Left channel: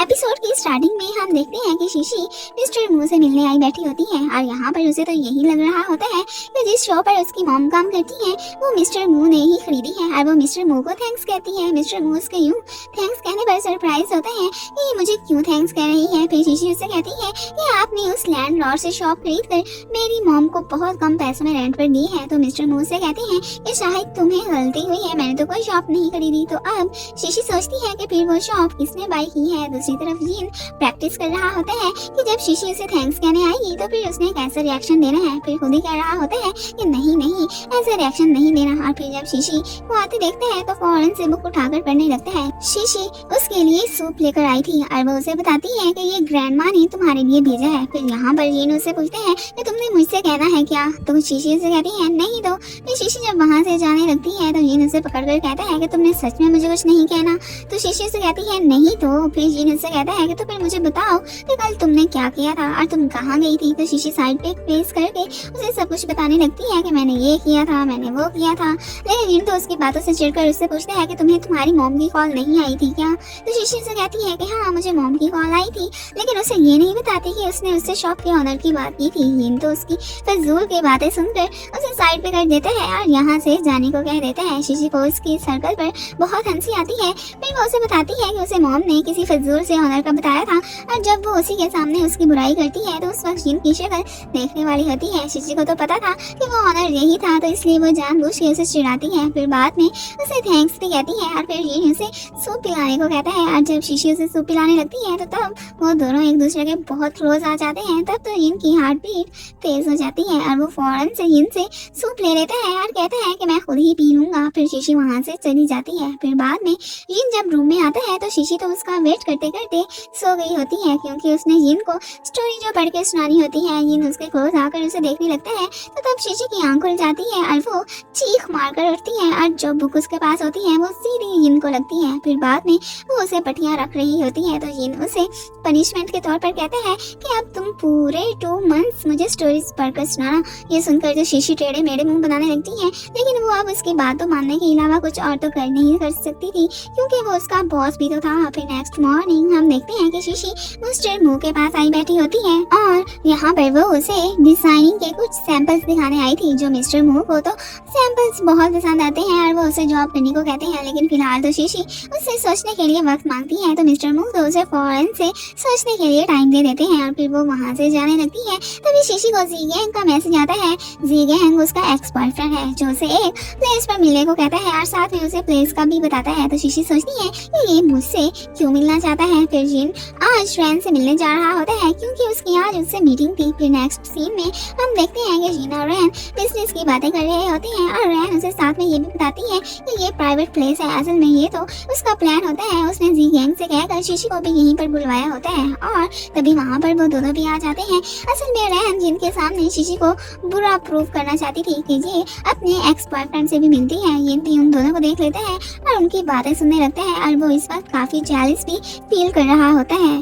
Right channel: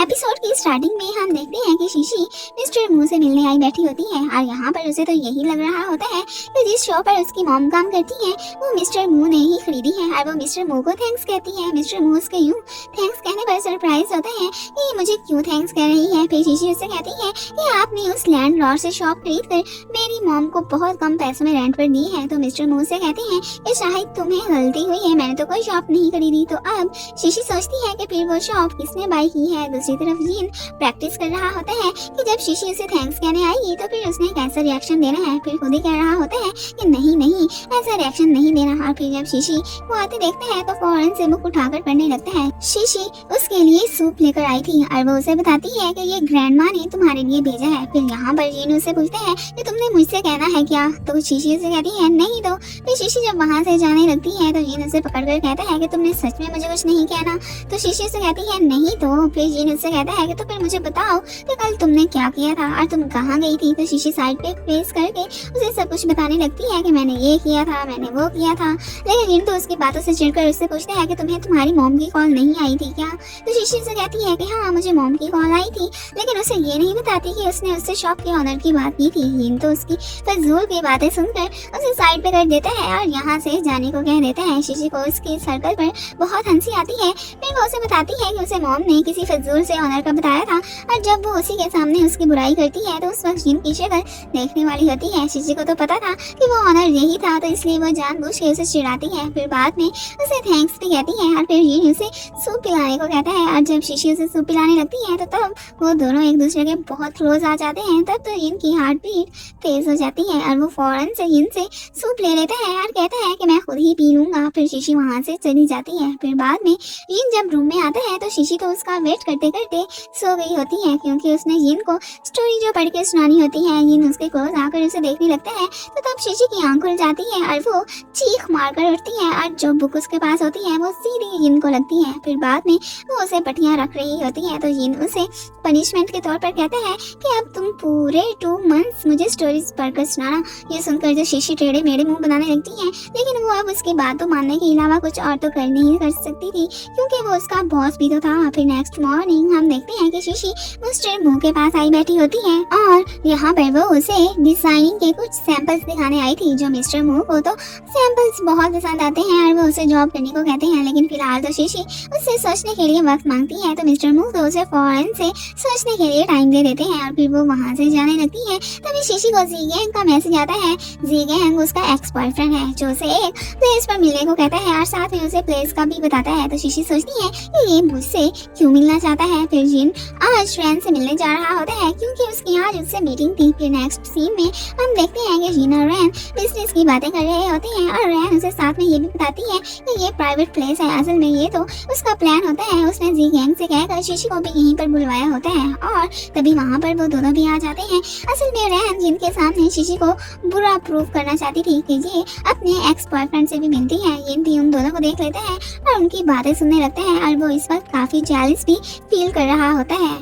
Episode की starting में हम देखते हैं कि शीशी मिस्टर मू से मिलने आई बैठी होती है और यहाँ पर उसे तो यही लग रहा होता है कि जिस शो पर उसकी मॉम काम करती है वो मिस्टर मू ने ही खरीदी है और वो मिस्टर मू को थैंक्स कहती है। मिस्टर मू उसके यूं थैंक्स कहने पर सरप्राइज होता है कि ये मुझे क्यों थैंक्स कह रही है। फिर शीशी उससे कहती है कि आपने उस लैंडलॉर्ड से शॉप खरीद कर मेरी मॉम को बहुत कम पैसों में रेंट पर दी है। तो मिस्टर मू से कहते हैं कि शायद तुम्हें गलती हुई है, मैंने तो कोई शॉप नहीं खरीदी। तो अब शीशी सोचती है कि फिर वो शॉप किसने बाई की है। दूसरी तरफ जीन प्रैक्टिस कर रहा होता है कि जब शीशी उसे थैंक्स कहने आएगी तो फिर उसने कैसा रिएक्शन देना है। फिर खुद ही कह रहा होता है कि नहीं नहीं ऐसा रिएक्शन नहीं देना। और फिर जब शीशी वो आते देखता है तो फौरन से बुक उठाकर पढ़ने लगता है। शीशी उसके लिए सूप लेकर आई थी और वो उसे बताती है कि ये ग्रैंडमा ने तुम्हारे लिए भेजा है। फिर यहाँ पर जीन उसे पूछते हैं कि तुमने मुझसे कहना है क्या। तो शीशी उसे कहती है नहीं। तो फिर शीशी जब वहाँ से जाने लगती है तो जीन उसे पकड़कर कहता है कि तुमने सच में मुझे कुछ नहीं कहना। तो शीशी उसे कहती है नहीं। तो फिर जीन उससे कहता है कि तो फिर मुझे बताओ कि कल तुमने क्या किया था और तुम कहाँ गई थी। तो शीशी साइड पे फेस करके उसे सब कुछ बताने लगती है कि मैंने ये किया था, मैंने वो किया था। लेकिन जीन तो उसकी बातों से चिढ़कर उससे पूछते हैं कि तुम्हें तुम्हारी मॉम की कॉल नहीं आई थी क्या। तो शीशी उसे कहती है कि हाँ मुझे मॉम की कॉल आई थी, लेकिन उसे ये नहीं बताती कि उसने उससे शॉप के ऑनर की बात की थी। जीन तो उसकी फिजूल की बातें सुनकर उसे साइड पे कर देता है और यहाँ से जाने को कह देता है। शीशी को उसकी सर्कल पर बहुत हंसी आती है। फिर वो उसे बताती है कि उसे मॉम ने किसी फजूल से ऑनर का बताया था और जब वो उसी के सामने उसकी बुराई करती है तो उस वक्त जीन की शक्ल देखने वाली होती है। शीशी को तो पता था कि वो ऑनर यही था, तो इसलिए वो जानबूझ के उसे चिढ़ाती है। फिर बाद में उसे थैंक्स भी कहती है और फिर जीन उसे सूप पिलाने को कहता है। और जब शीशी उसे सूप पिलाने लगती है तो तब वो दोनों एक दूसरे के बहुत क्लोज आ जाते हैं। तब तो जीन की हार्ट बीट तेज हो जाती है और वो फौरन से जीन से सूप ले लेता है और कहता है कि मैं खुद ही पी लूंगा। फिर शीशी वहाँ से चली जाती है। फिर बाद में जीन जब रूम में आता है तो शीशी तो उसका वेट करते करते सो गई होती है, क्योंकि उसने जीन को स्टोरी जो पढ़ के सुनानी होती है। जीन उसके क्लोज आकर उसे देखने लगता है तो तब शीशी की आंख खुल जाती है और वो चीख मारकर उठती है और जो बुक उसके पास होती है वो सीधी जीन को लगती है। फिर बाद में वो उसे पट्टियां रख रही होती है तो जीन उसे पनिशमेंट के तौर पर कहता है कि अब तुम पूरे 2 मंथ्स मुझे स्टोरीज पढ़कर सुनाना। ये सुनकर जो शीशी टेढ़े मेढ़े मुंह बनाने लगती है, लेकिन वो अब उसकी बात तो मानने के अलावा कुछ और तो कर नहीं कर सकती थी, क्योंकि वो उसका बॉस भी तो था। फिर नेक्स्ट मॉर्निंग हम देखते हैं कि शीशी मिस्टर मू के पास आई बैठी होती है और यहाँ पर वो उसे डिजाइनिंग के कुछ सैंपल्स दिखाने आई थी। जो मिस्टर मू को तो सैंपल्स बहुत पसंद आते हैं और वो उसे जॉब करने को कहते हैं, लेकिन फिलहाल तो शीशी उससे सोचने के लिए वक्त मांगती है। तो मिस्टर मू तो उसे फौरन से सोचने के लिए टाइम दे देते हैं और फिर वो वहाँ से जाने लगती है। तभी शीशी को जी गैंग का मैसेज आता है। जी गैंग उसका एक्स बॉयफ्रेंड है जो उसे एक प्लेस पर मिलने को कहता है और साथ में उसे प्लेस का भी बताता है। तो शीशी सोचती है कि ये मुझसे क्यों मिलना चाहता है। फिर जीन आज रैन से मिलने जा रहा होता है क्योंकि उसकी आज उससे मीटिंग थी। फिर नेक्स्ट सीन में हम देखते हैं कि जीन और रैन बिजनेस की बातें कर रहे होते हैं और रैन उसे साथ में ये भी बताती है कि ये प्राइवेट प्लेस है, असल में ये तो उसका प्लान होता है। उसने जी गैंग से कहकर शीशी को भी यहीं पर बुलवाया होता है और तभी वहाँ पर वो दोनों भी आ जाते हैं। असल में रैन जिनके सामने शीशी को बुरा प्रूव करना चाहती थी कि ये अपने एक्स बॉयफ्रेंड से भी मिलती है, ये भी उन दोनों को देख लेता है और उनकी बातें सुनने लगता है और वो इस वक्त काफी जेलस भी फील कर रहा होता है।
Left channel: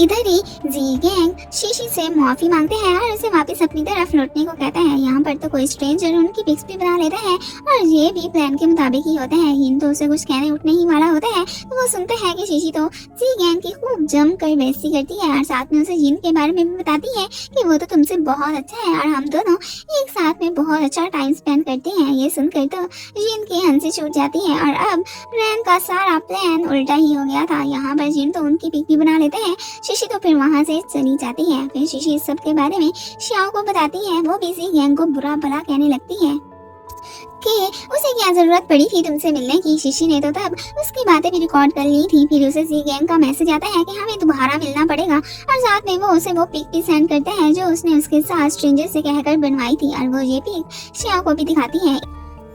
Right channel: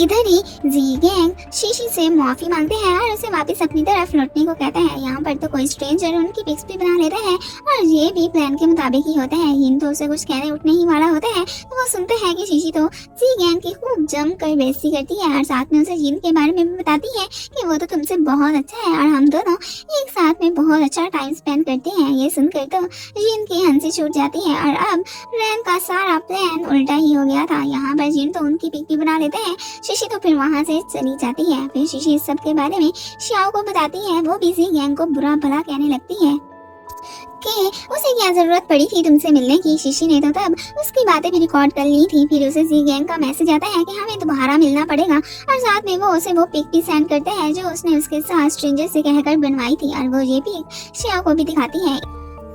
इधर ही जी गैंग शीशी से माफी मांगते हैं और उसे वापस अपनी तरफ लौटने को कहते हैं। यहाँ पर तो कोई स्ट्रेंजर उनकी पिक्स भी बना लेता है और ये भी प्लान के मुताबिक ही होता है। हिन तो उसे कुछ कहने उठने ही वाला होता है तो वो सुनते हैं कि शीशी तो जी गैंग की खूब जम कर बेइज्जती करती है और साथ में उसे जिन के बारे में भी बताती है कि वो तो तुमसे बहुत अच्छा है और हम दोनों एक साथ में बहुत अच्छा टाइम स्पेंड करते हैं। ये सुनकर तो जिन की हंसी छूट जाती है और अब रैन का सारा प्लान उल्टा ही हो गया था। यहाँ पर जिन तो उनकी पिक भी बना लेते हैं। शीशी तो फिर वहाँ से चली जाती है। फिर शीशी इस सब के बारे में श्याओ को बताती है। वो भी जी गैंग को बुरा भला कहने लगती है कि उसे क्या जरूरत पड़ी थी तुमसे मिलने की। शीशी ने तो तब उसकी बातें भी रिकॉर्ड कर ली थी। फिर उसे जी गैंग का मैसेज आता है कि हमें दोबारा मिलना पड़ेगा और साथ में वो उसे वो पिक भी सेंड करता है जो उसने उसके साथ स्ट्रेंजर से कहकर बनवाई थी और वो ये पिक श्याओ को भी दिखाती है।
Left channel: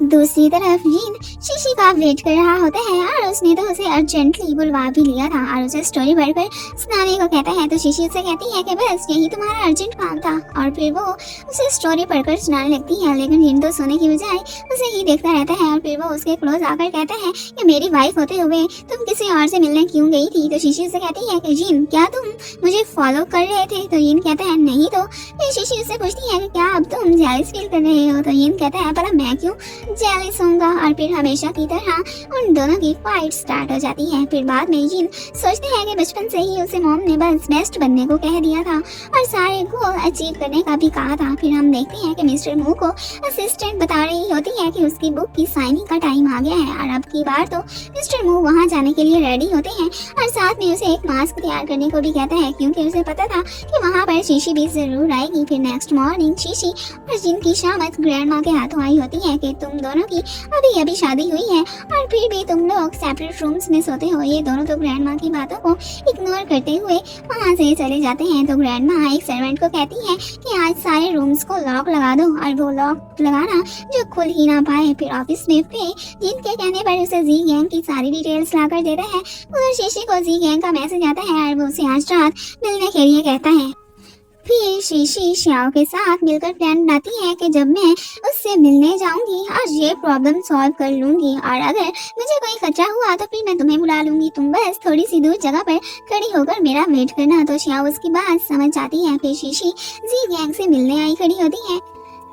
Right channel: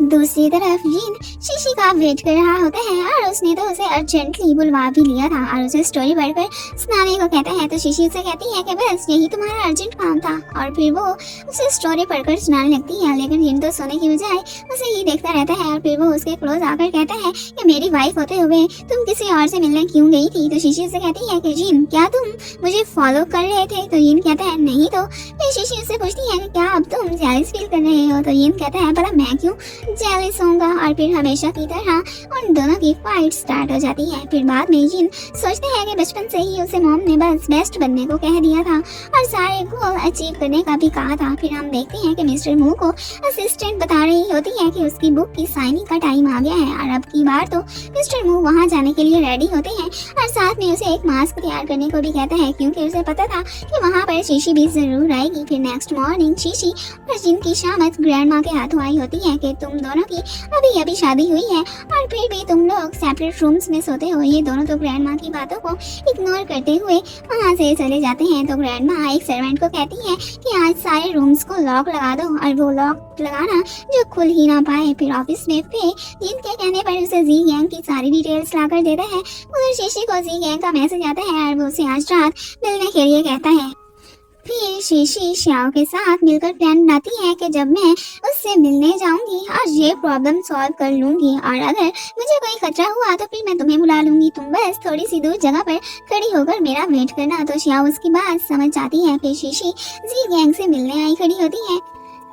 दूसरी तरफ जीन शीशी का वेट कर रहा होता है और उसने तो उसे अर्जेंटली बुलवा भी लिया था और उसे स्टोरी पढ़कर सुनाने को कहता है। तो शीशी उसे कहती है कि बस यही तुम्हारा अर्जेंट काम था और फिर वो उसे स्टोरी पढ़कर सुनाने लगती है। लेकिन जीन तो सोने की बजाय उसे ही देखता रहता है और फिर वो उसके क्लोज आकर कहता है कि मेरी वाइफ होते हुए तुम किसी और से मिलने क्यों गई थी। तो शीशी उसे कहती है कि जीन क्या तुम मुझे फॉलो कर रहे थे। तो जीन कहता है नहीं। तो फिर शीशी उससे पूछती है कि क्या अब तुम जेलस फील कर रहे हो। तो जीन कहता है भला मैं क्यों जेलस होगा और फिर हमेशा की तरह उन दोनों की फाइट स्टार्ट हो जाती है। फिर बाद में जिन सोचते हैं कि बचपन से ही उसे मॉम ने बस बेस्ट बनने को कह दिया था और सारे गोल अचीव करने का भी कहा था। फिर हम देखते हैं कि मिस्टर मू को असिस्टेंट बता रही होती है कि उसकी बुक की साइनिंग का टाइम आ गया है और अब की बार तो मिस्टर मू वहाँ जाने के लिए रेडी होते हैं और साथ में उसे एक मास्क तैयार करने को भी कहता है क्योंकि उसे पता था कि वहाँ पर शीशी भी जरूर आएगी। फिर नेक्स्ट मॉर्निंग शीशी और जिन की शामत ग्रैंड माँ के हाथों आई होती है कि तुम दोनों की अभी अभी शादी हुई है और फिर भी तुम लोग सेपरेट रूम्स में सोते हो। ये दोनों तो ग्रैंड माँ की बातों को इग्नोर करते हुए वहाँ से चले जाते हैं। तो ग्रैंड माँ एक सर्वेंट को कहती है कि आज सारे रूम्स को लॉक लगा दो और वो लॉक लगाना जो खुल ही ना पाए। फिर ऑफिस में पे जिनके कहने पर उसे जी गैंग की सारी डिटेल्स लाकर देता है और शीशी को जी गैंग का मैसेज आता है और वो उसे आज रात मिलने के लिए कहता है। फिर शीशी श्याओ के साथ मिलकर प्लान बनाती है कि जब मैं उससे मिलने जाऊंगी आज ये प्रॉब्लम सॉल्व कर लूंगी और अगर मुझे कोई खतरा हुआ तो फिर मैं तुम्हें बुला लूंगी, तुम बस थोड़ी सी दूर जगह पर खड़ी होकर मेरा वेट करना। तो श्याओ उसकी बात समझ जाती है। फिर शीशी जी गैंग से मिलने आई खड़ी होती है।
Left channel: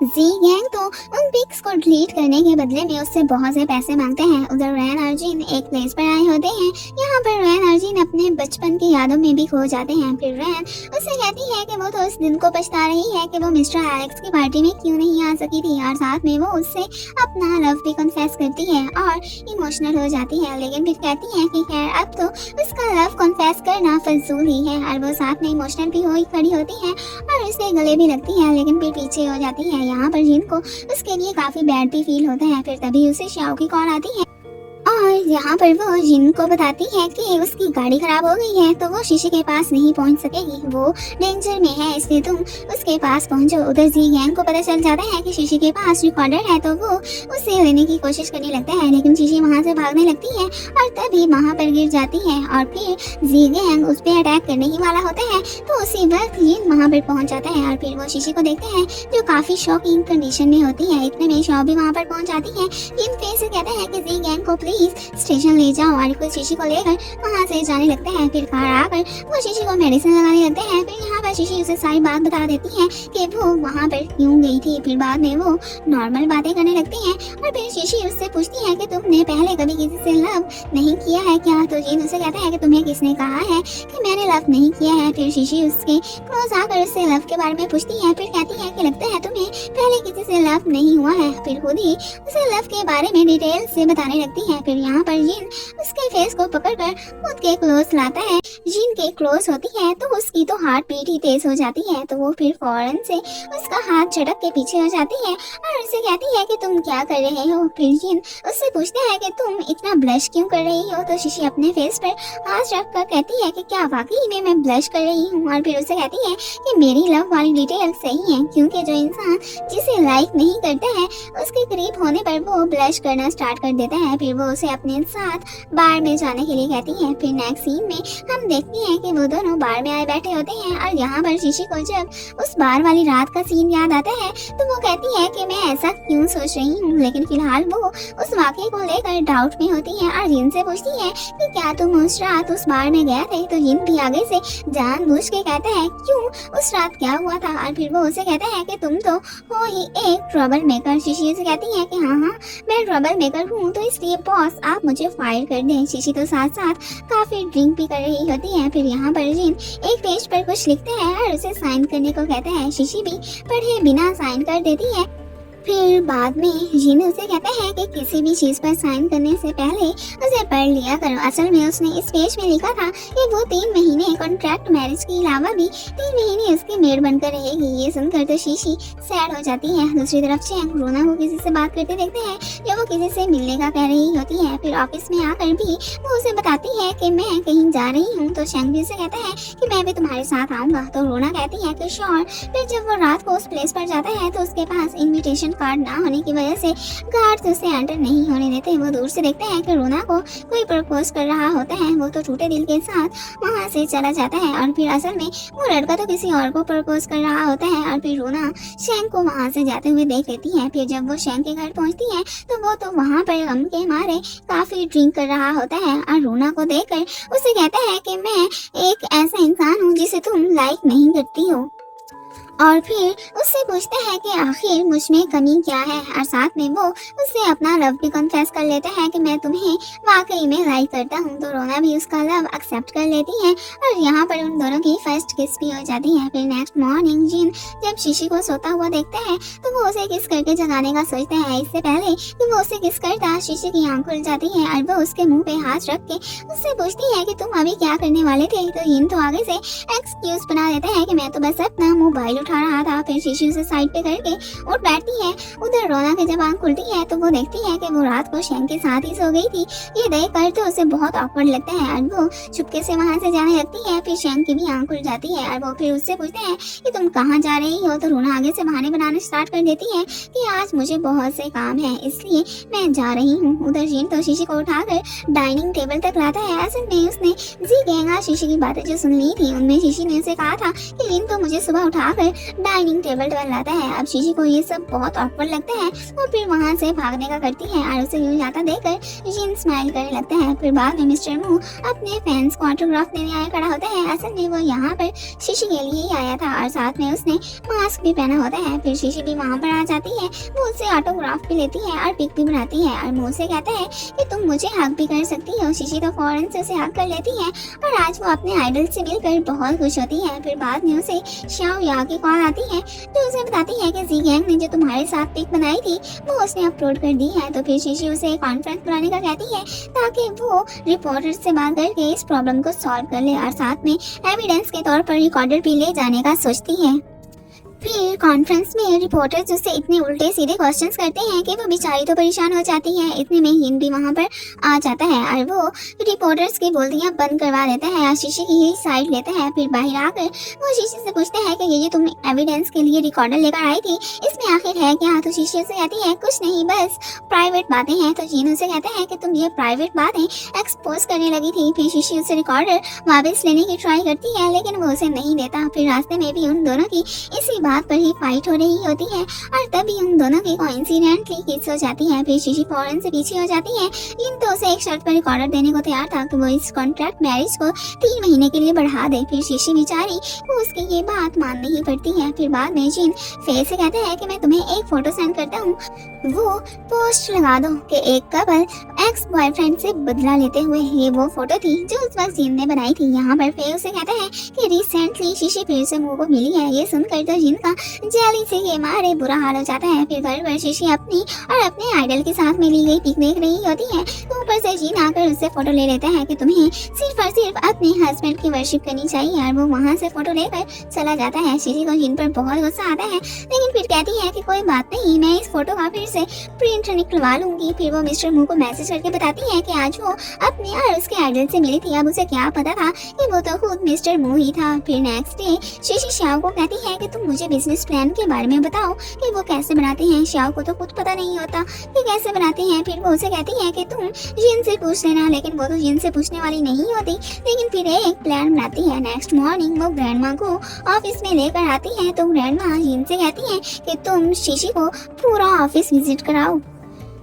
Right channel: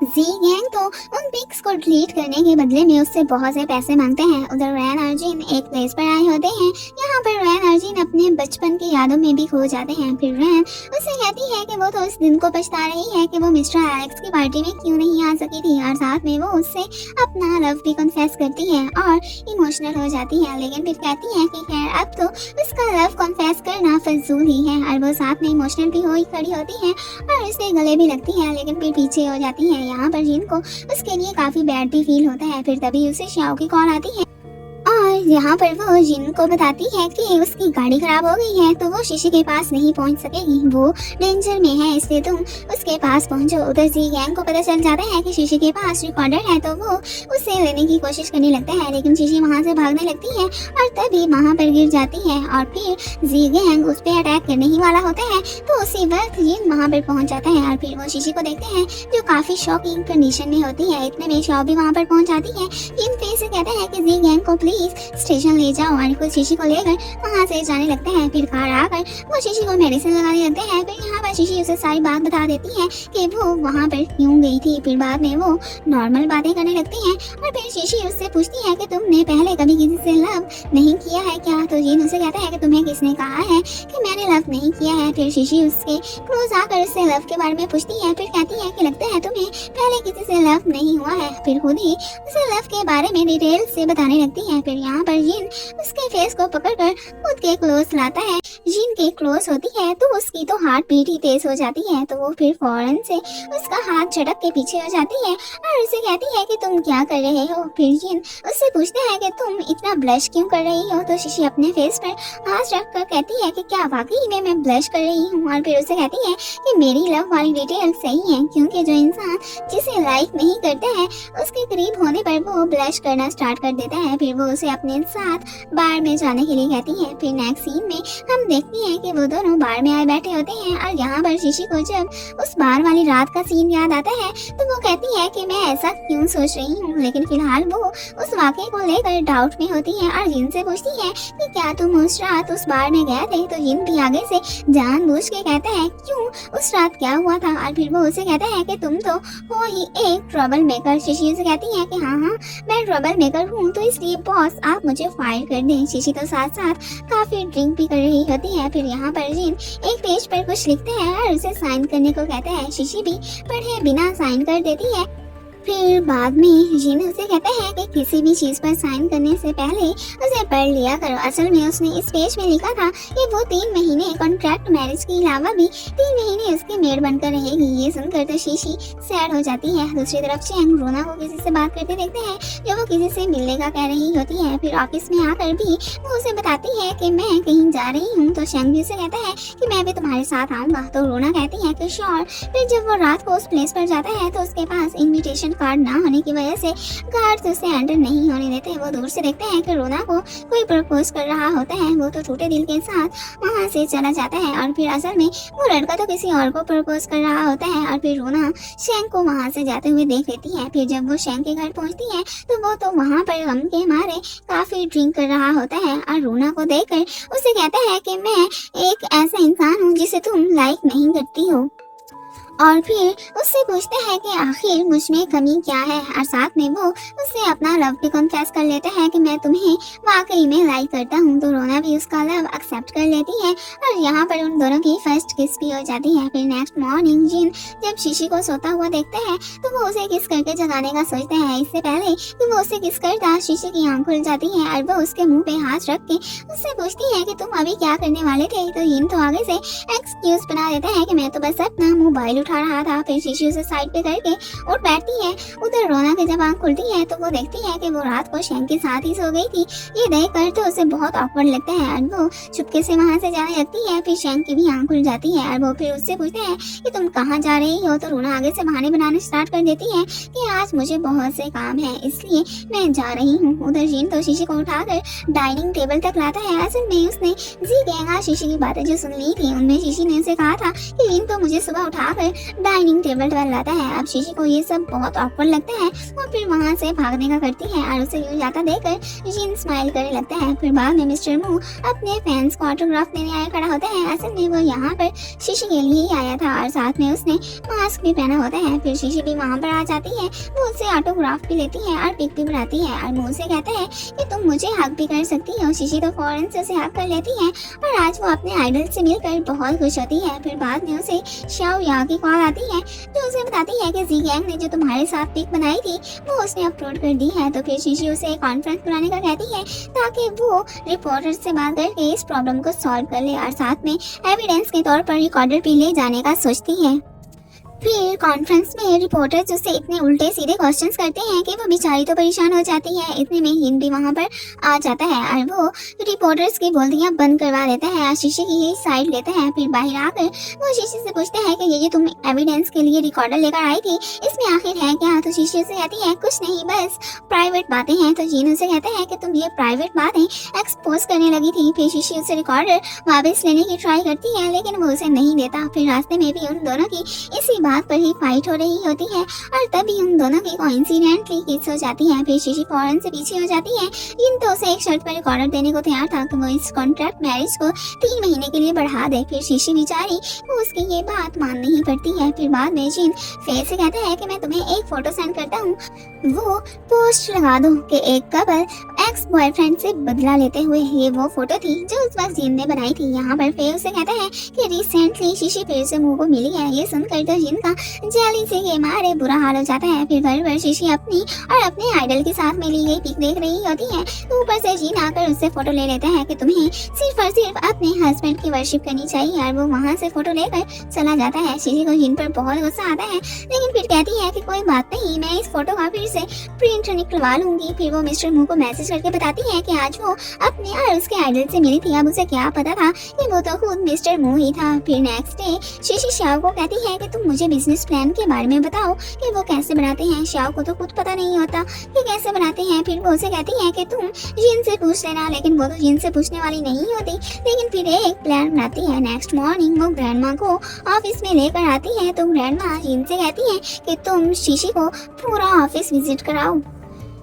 जी गैंग तो उन पिक्स को डिलीट करने के बदले में उससे बहुत से पैसे मांगते हैं। उधर रैन और जिन एक प्लेस पर आए होते हैं। यहाँ पर रैन और जिन अपने बचपन की यादों में भी खो जाते हैं। फिर रैन उससे कहती है कि वो तो उस दिन को पछता रही है कि वो मिस्टर एलेक्स की पार्टी में क्यों नहीं आ सकी थी और साथ में वो उससे अपना लव भी कन्फेस करती है और इमोशनल हो जाती है। लेकिन फिर कहती है कि खैर अब तो उसका लव कन्फेस करना फजूल ही है और वो साथ में इमोशनल भी हो खड़ी होती है और उससे गले भी लगती है लेकिन फिर पीछे हो जाती है। यहाँ पर जिन को उसके लिए काफी बैड भी फील होता है। फिर तभी उसे श्याओ की कॉल आती है और यहाँ पर वो जिन को बताती है कि उसकी गाड़ी खराब हो गई है तो वो शीशे के पास नहीं पहुँच सकेगी, वो डेंजर में है इसलिए तुम उसके पास पहुँचो। उधर जी गैंग को पता चल जाता है कि शीशे के पास रिकॉर्डर है तो वो उसे लेने की कोशिश करने लगता है लेकिन शीशी वहाँ से भागने लगती है और तभी वहाँ पर गिर जाती है और फिर जी गैंग उस पर अटैक करने ही वाला होता है तो उसी वक्त ये वहाँ पर पहुँच जाता है और फिर वो शीशी को देखते हैं जो काफी शॉकिंग कंडीशन में होती है। इतने में शॉ भी वहाँ पर पहुँच जाती है। जिन फेस से कहता है कि जी गैंग को प्लीज स्टेशन ले जाओ और खुद शीशी को लेकर वहाँ से जाने लगते हैं। फिर कार आकर वो शीशी को मेडिसिन लगाने लगते हैं। फिर यहाँ पर शीशी उसे सारी बात बता देती है कि वो वहाँ पर क्यों गई थी। फिर बाद में वो नॉर्मल बातें करने लगती है और फिर शीशी उससे पूछती है कि तुमने पहले कभी किसी से लव नहीं किया है क्या। तो जिन उसे कहता है कि तुम्हें किसने कहा है कि मैंने लव नहीं किया है। फिर शीशी उसके क्लोज आकर उससे लव के बारे में पूछती है। फिर कहती है कि लगता है तुम्हें पहले किसी से लव नहीं हुआ है। फिर खुद ही उसे लव के बारे में डिटेल से बताने लगती है। फिर यहाँ पर जिन उसके फेस को पकड़कर खुद के क्लोज लाता है। जिन के क्लोज होती है तो उसकी तो हार्ट बीट ही तेज हो जाती है तो वो फिर फौरन से उसका हाथ झटक के पीछे हो जाती है और उसे कहती है कि तुम क्या कर रहे हो। फिर जिन उससे पूछते हैं कि तुम इतना ब्लश क्यों कर रही हो। तो शीशी अपने फेस पर हाथ रख कर कहती है कि क्या वाकई में मैं ब्लश कर रही हूँ और फिर उसे कहती है कि मेरी लव वाली डिटेल सही है क्योंकि जो इंसान जिसे लाइक नहीं करते हैं उसके करीब होने पर वो ब्लश करना स्टार्ट कर देता है। फिर वो उसे अपने साथ बार में जाने के लिए कहती है। फिर नेक्स्ट सीन में हम देखते हैं कि वो दोनों बार में आए बैठे होते हैं और यहाँ पर शीशी को जब उस बार वाली रात का सीन याद आता है तो वो कहती है कि मैं ऐसा क्यों सोच रही हूँ। लेकिन फिलहाल वो उस वाकये को लेकर डाउट में होती है और जिन से पूछती है कि क्या तुम उस रात उस बार में गए थे। तो जिन भी आगे से जानबूझ के कहता है क्यों उस रात क्या हुआ था और फिर वो उसे कहता है कि तुम तो हो ही एक ट्रबल मेकर। शीशी उसे कहती है कि हाँ मैं ट्रबल मेकर हूँ तो इसलिए बॉस आप मुझे फायर कर दे। शीशी तो साथ साथ काफी ड्रिंक भी कर रही होती है। फिर यहाँ पर जिन एक पेज पर कुछ लिखते हैं और उसे साइन करने को कहता है। शीशी भी पढ़े बिना साइन कर देती है। फिर बाद में जिन उसे कहता है कि किसी भी चीज पर साइन करने से पहले उसे पढ़ लिया करो। असल में उसने इस पेज में लिखा था कि वो 3 महीने कॉन्ट्रैक्ट मैरिज के अलावा भी 3 महीने उसकी मेड बनकर रहेगी। ये सुनकर तो शीशी सैड हो जाती है। दूसरी तरफ चैंग रोना को किसी से बात करते देखते हैं जब वो किसी से मिलने का कह रही होती है। फिर ऑफिस में आकर भी वो उसे बताती है कि मैं कहीं जा रही हूँ। तो चैंग भी उसे कहता है कि मैं भी तुम्हारे साथ आऊंगा। तो रोना कहती है कि श्योर। फिर जब वो रात को उस प्लेस पर जाता है तो उसके पास इन्विटेशन कार्ड ना होने की वजह से गार्ड्स उसे एंटर नहीं होने देते। वो दूर से देखते हैं कि रोना को कोई प्रपोज कर रहा होता है। वो तो टूटे दिल के साथ वहाँ से चला जाता है और फिर असल में वो लड़का तो किसी और को प्रपोज कर रहा होता है। और फिर रोना शैंग को वहाँ से जाते हुए देख लेती है। फिर जब वो शैंग के घर पहुँचती है तो वो तो वहाँ पर गम के मारे काफी ड्रिंक कर रहा होता है और रोना को देखकर उसे कहता है कि मैं एक ऐसा इंसान हूँ जिसे तुम लाइक नहीं करती हो। और फिर उससे पूछते हैं कि आखिर मुझ में कमी क्या है, और साथ में वो उससे अपना लव भी कन्फेस कर लेते हैं कि मैं तुम्हें वाकई में लाइक करता हूँ। तो रोना भी उसका लव एक्सेप्ट कर लेती है और यहाँ पर उन दोनों की फर्स्ट किस भी हो जाती है। फिर नेक्स्ट मॉर्निंग जिन जब शीशी को सोता हुआ देखते हैं तो वो उसे किस करके जगाने का सोचते हैं। इससे पहले कि वो उसे किस करता, शीशी की आंख खुल जाती है और वो उसके मुंह पे हाथ रख के उससे पूछती है कि तुम अभी क्या करने वाले थे। तो जिन तो आगे से एक्सक्यूज बना देता है कि मैं तो बस अपना मोबाइल उठा रहा था। फिर शीशी उसे साइड पे करके उठ बैठती है। उधर रोना के जब आंख खुलती है तो वो देखती है कि वो रात को शैंक के साथ ही सो गई थी। ये देख कर तो उसे बहुत ऑकवर्ड लगता है और वो चुपके से वहाँ से जाने लगती है। फिर शैंक की भी आंख खुल जाती है और वो फिर उससे पूछते हैं कि तुम कहाँ जा रही हो। तो रोना आगे से बहाने बनाने स्टार्ट कर देती है कि आज मुझे बहुत से काम है इसलिए मैं जा रही हूँ। उधर जीन तो शीशी को उठाकर डाइनिंग टेबल तक लाता है। असल में उसने जी गहंगा शीशी की बातें जो सुन ली थी उनमें शीशी ने उसे कहा था कि जीन तो मुझे सुबह उठाकर डाइनिंग टेबल पर लाता है। अब शीशी को ये सब बहुत ऑकवर्ड लगता है और फिर वहाँ से भागने का करती है और उसे गिर जाता देखकर जीन स्माइल करने लगता है। फिर बाद में मिस्टर मू अपने फैंस को ऑटोग्राफ देने आया खड़ा होता है। असल में वो यहाँ पर शीशी के लिए ही आया था और साथ में उसने मास्क भी पहना होता है। फिर शीशी भी वहाँ पर आ जाती है, वो उससे ऑटोग्राफ भी लेती है और पिक भी बनाती है और मुँह से कहता है कि तुम मुझे हक भी कर सकती हो। शीशी तो फौरन से उसे हक कर लेती है और आज वो अपने आइडल से मिलकर बहुत खुश होती है। फिर बाद में उसे शाओ या की कॉल आती है जो उसे बताती है कि जी गैंग ने जो तुम्हारे साथ पिक बनाई थी वो उसने अपलोड कर दी है। तो फिर शीशी उसे कॉन्फ्रेंस बुलाने का कहती है ताकि वो रिपोर्टर से बात करके इस प्रॉब्लम को सॉल्व कर ले और साथ में एविडेंस के तौर पर रिकॉर्डर भी ले जाने का सोचती है। फिर कॉन्फ्रेंस में रिपोर्टर्स उससे इतने उल्टे सीधे क्वेश्चंस करते हैं कि वो बेचारी तो परेशान हो जाती है। इतने में हिन भी वहाँ पर आ जाता है और वो रिपोर्टर्स की बोलियां बंद करवा देता है और शीशी की ही साइड लेता है। फिर बाहर आकर वो शीशी से पूछता है कि ये तुम एविडेंस के लिए रिकॉर्डर लेकर आई थी इसमें आखिर है क्या। तो शीशी उसे कहती है कुछ नहीं, बस प्राइवेट बातें हैं। तो जीन उसे कहता है कि तुम ये प्राइवेट बातें एक्सपोज करने लगी थी। फिर शीशी उसे रिकॉर्डर वापस लेने की ट्राई करती है लेकिन वो उसे नहीं देता। फिर रास्ते में भी उन दोनों की इसी बात पर ही फाइट हो रही होती है और तभी उन दोनों की कोइंसिडेंटली किस हो जाती है। फिर शीशी फौरन से पीछे हो जाती है। जिन तो उसे एक शर्त पर रिकॉर्डर देने को तैयार था कि वो इस कॉन्ट्रैक्ट मैरिज को 3 महीने के लिए बढ़ा दे। फिर शीशी बेचारी वो उसकी ये बात माननी ही पड़ती है। फिर बाद में जिन फेस से कहता है कि मैं तुम्हें एक फोटो सेंड करता हूँ, वो पोस्ट लगा दो कि एक कपल एक्स बॉयफ्रेंड से बदला लेते हुए। ये वो फोटो थी जो उस वक्त जिन ने बनाई थी। यहाँ पर फे उसे कहता है कि रिसेंटली शीशी फिर से मुंह को मिली है। ये सुनकर तो जिन का जेली से ये मारे बुरा हाल हो जाता है। फिर घर पर शीशी अपनी और अपने आइडल के साथ में ली गई पिक देख रही होती है तो ऊपर से जिन आकर उससे फोटो ले लेता है कि तुम्हें सिर्फ और सिर्फ अपने हस्बैंड की वर्शिप करनी चाहिए और वो वहाँ से फोटो लेकर चला जाता है। शीशी को जिन पर बहुत गुस्सा आता है लेकिन फिर कहती है कि कोई बात नहीं, मैं इस फोटो का फिर से प्रिंट निकलवा लूंगी। फिर वो मिस्टर मू को मैसेज करके बताती है कि आज वो अपने और उसके आइडल से मिली थी। अब उसे क्या पता था कि वो तो खुद मिस्टर मू ही था। फिर नेक्स्ट डे शीशी शाओ को कहती है कि तुम मुझे बिजनेस प्लान के बारे में बताओ कि वो कैसे बनाते हैं। शाओ को तो कुछ पता नहीं होता कि कैसे बनाते हैं। फिर वो उसे कहती है कि तुम जिन से पूछ लेना, लेकिन वो तो जिन से पूछने वाली नहीं होती। लेकिन फिर एक प्लान बनाती है। नेक्स्ट मॉर्निंग वो ग्रैंडमा को ऑफिस में लेकर आती है तो ग्रैंडमा जिन से कहती है कि तुम शीशी को पूरा ऑफिस विजिट कराओ।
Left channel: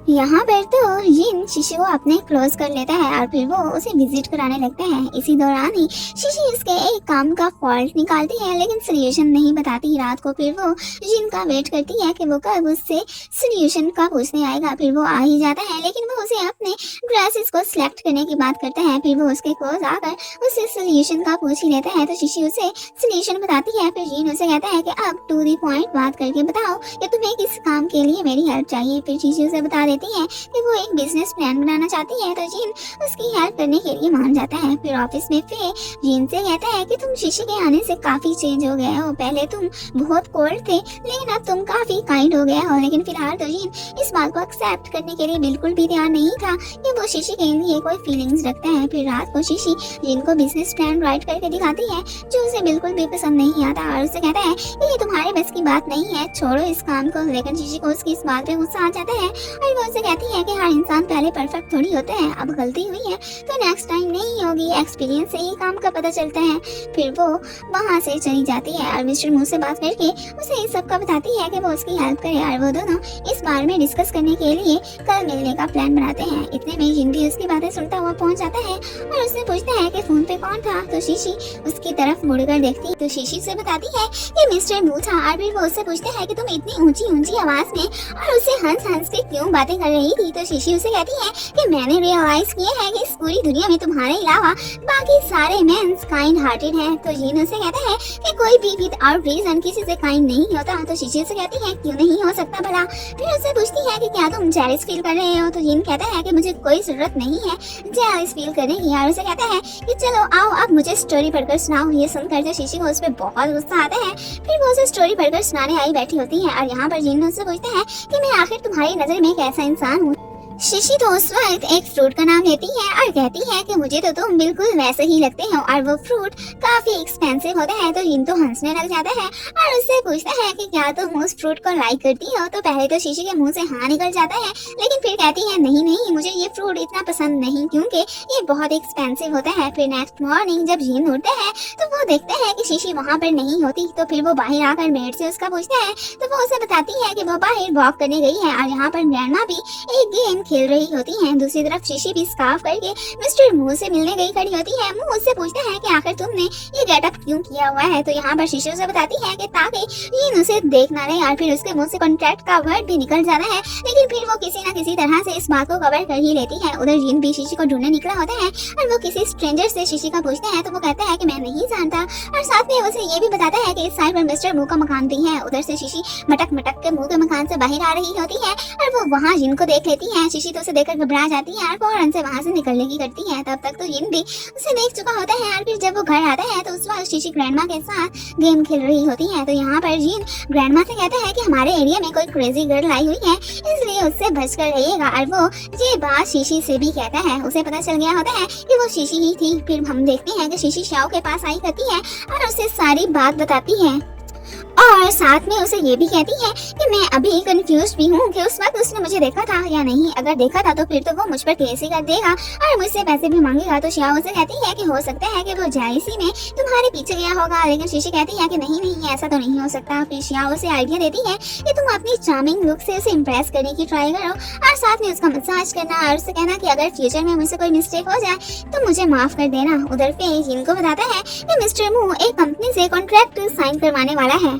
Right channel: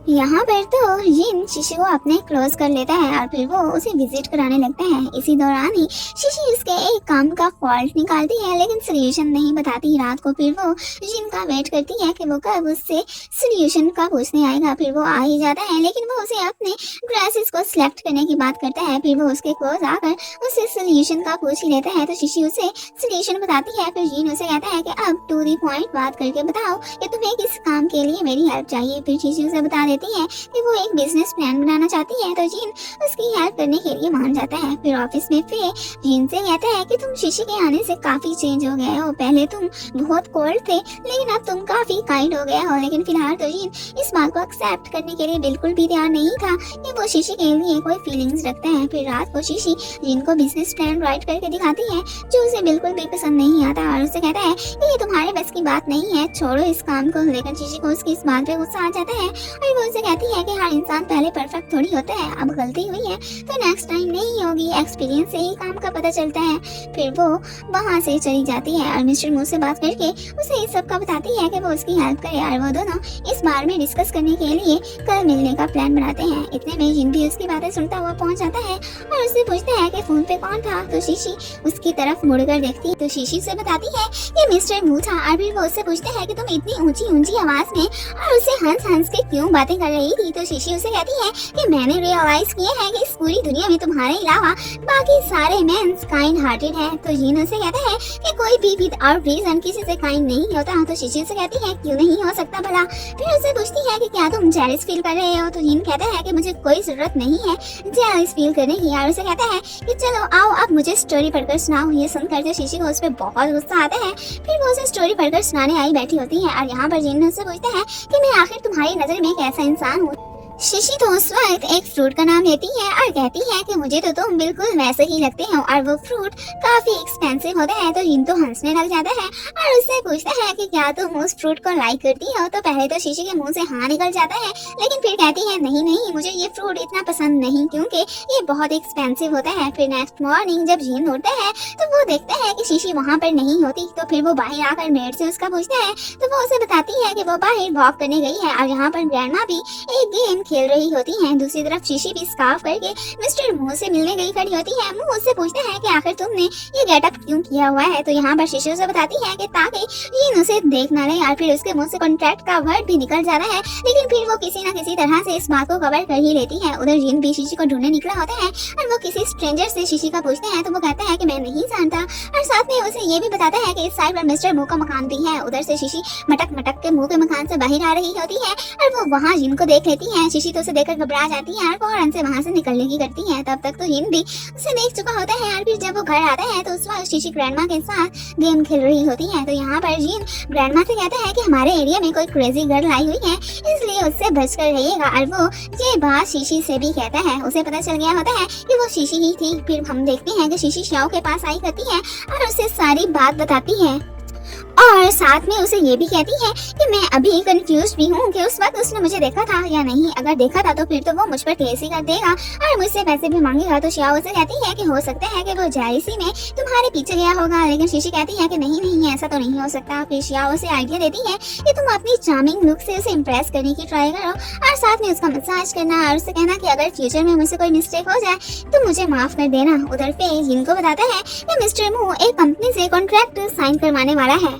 यहाँ पर तो जिन शीशी को अपने क्लोज कर लेता है और फिर वो उसे विजिट कराने लगता है। इसी दौरान ही शीशी उसके एक काम का फॉल्ट निकालती है लेकिन सोल्यूशन नहीं बताती। रात को फिर वो जिन का वेट करती है कि वो कब उससे सोल्यूशन का पूछने आएगा। फिर वो आ ही जाता है लेकिन वो उसे अपने ड्रेसेस को सिलेक्ट करने की बात करता है। फिर वो उसके क्लोज आकर उससे सोल्यूशन का पूछ ही लेता है तो शीशी उसे सोल्यूशन बताती है। फिर जिन उसे कहता है कि अब टू द पॉइंट बात करके बताओ कि तुम्हें किस काम के लिए मेरी हेल्प चाहिए। फिर शीशी उसे बता देती है कि वो एक बिजनेस प्लान बनाना चाहती है तो जिन उसकी हेल्प करने के लिए मान जाता है। फिर ऑफिस में फिर जिन से कहता है कि तुम शीशी के आने से काफी चेंज हो गए हो। पहले तुम बहुत कोल्ड थे लेकिन अब तुम काफी काइंड हो गए हो। लेकिन फिलहाल तो जिन इस बात को एक्सेप्ट करने के लिए बिल्कुल भी तैयार नहीं था कि वो शीशी के लिए कोई फीलिंग्स रखते हैं। फिर रात को शीशी जिन को बिजनेस प्लान राइट करके दिखाती है जो उसे बिल्कुल भी पसंद नहीं आता और उसे कहता है कि ये तुम्हारे बस की बात नहीं है, छोड़ो इस काम को। लेकिन शीशी को उसकी इस बात पे गुस्सा आ जाता है और वो उससे कहती है कि हर इंसान पहले परफेक्ट थोड़ी होता है, अब गलती हुई है तो नेक्स्ट टाइम नहीं होगी, एक्सपीरियंस से ही काम का पता चलता है। फिर वो वहाँ से चली जाती है और मिस्टर मू से बात करके उसे इस सब का बताती है कि वो उसकी हेल्प करे और वो दोनों इस बारे में डिस्कस करने के लिए कल मिलने का प्लान बनाते हैं। इतने में जिन भी उसकी बातें सुनता हुआ पहुंच जाता है और उससे पूछता है कि फोन पे कौन था। तो शीशी उसकी तरफ मुड़कर देखती तो शीशी से बताती है कि मिस्टर मू था और फिर वो उससे पूछते हैं कि तुम इतनी ऊंची ऊंची आवाज में और उससे हंस हंस के क्यों बातें कर रही थी। तो शीशी उसे कहती है कि मैंने रियलाइज किया है कि इस पूरी दुनिया में तुम्हारे अलावा बाकी सारे मेंस काइंड हार्टेड हैं। तो जीन उसे कहता है कि कोई भी विदाउट रीजन किसी से काइंड नहीं होता। तो शीशी से कहती है क्यों नहीं हो सकता भला। फिर उससे पूछती है कि क्या तुम जेलस फील कर रहे हो। तो जीन कहता है कि मुझे कोई जरूरत नहीं है जेलस फील करने की। और उसे कहता है कि चलो आओ अब मुझे स्टोरी पढ़कर सुनाओ। ये सुनकर जो शीशी को उस पर बहुत गुस्सा आता है। फिर वो उसे स्टोरी पढ़कर सुनाने आई बैठी होती है और यहाँ पर जीन उससे पूछता है कि मैं आखिर तुम्हारी नजर में एक ऐसा इंसान हूँ। शीशी तो उस वक्त एक फ्रूट का नाम लेती है और कहती है कि मुझे तो तुम बिल्कुल वैसे ही लगते हो और वो फ्रूट काफी एक्सपेंसिव होता है। तो जिन तो हंसने लग जाता है और उससे पूछता है कि क्या तुम उस फ्रूट को लाइक करती हो। तो पहले तो शीशी के मुंह से हाँ निकल जाता है, लेकिन फिर कहती है नहीं नहीं मुझे ये फ्रूट इतना पसंद नहीं क्योंकि ये बहुत एक्सपेंसिव होता है। फिर नेक्स्ट मॉर्निंग जब जीन उठते हैं तो वो देखते हैं कि शीशी वहाँ पर नहीं होती। तो फिर वो बाहर आकर मेड से उसका पूछता है तो वो उसे बताती है कि वो बाहर वॉक करने गई है और यहाँ पर ग्रैंडमा भी एक गेम खेल रही होती है। दूसरी तरफ शीशी भी स्कार्फ करके मिस्टर मू से मिलने गई खड़ी होती है। मू उससे पूछता है कि आखिर तुमने ये गेटअप क्यों किया हुआ है। तो यहाँ पर शीशी उसे बताती है कि ताकि जीन उसे देख ना ले और फिर उसके मुंह से कॉन्ट्रैक्ट का वर्ड भी निकल जाता है, लेकिन फिर वो किसी न किसी तरह से इस बात को कवर कर ही लेती है। उधर जीन भी शीशी को ढूंढने निकला होता है और वो किसी स्ट्रेंजर से शीशी का पूछता है तो वो कहता है कि मैं नहीं जानता और साथ में उसे ये भी बताता है कि इस साइड पर मिस्टर मू का मकान भी है। उधर से शीशी मटक मटक के मुंह के मकान से बाहर आ रही होती है और वो वहाँ जिन को देख लेती है। शीशी तो उसे देखकर घबरा जाती है और फौरन से वहाँ से निकलने की करती है। तब तक तो जिन भी उसे देख चुका होता है और फिर जब वो घर आता है तो उस वक्त शीशी ग्रैंडमा के साथ गेम खेल रही होती है। तो यहाँ पर जिन ग्रैंडमा से कहता है कि हमारे एरिया में कोई क्रेजी गर्ल आई हुई है इसलिए उससे बचकर रहिएगा और वो ये बात शीशी से भी कहता है। उसे पता चल गया होता है कि वो शीशी ही थी। फिर हम देखते हैं कि शीशी शाओ के पास आई होती है और उसे सारी बात बताती है और साथ में उसे ये भी कहती है कि मैं अभी कंफ्यूज भी हूँ कि उस वक्त उसने मुझे देखा था या नहीं। अगर देखा था तो फिर तो वो मुझ पर केस ही कर देगा और मुझसे पैसे भी मांगेगा। तो शियाओ से कहती है कि हो सकता है कि वो जेलसी में तुम्हारे पीछे गया होगा, लेकिन शीशी कहती है कि नहीं नहीं ऐसा तो नहीं हो सकता। फिर शियाओ से आइडिया देती है कि तुम अपनी चार्मिंग लुक से उसे इम्प्रेस करने की ट्राई करो और साथ में उसका मसाज करना और उससे कहना कि अगर फ्यूचर में मुझसे कोई मिस्टेक हो जाए तो मुझे माफ कर देना। उधर पे जिनको बताता है कि मिस्टर मू एक कंपनी से कॉन्ट्रैक्ट साइन करवाने वाला है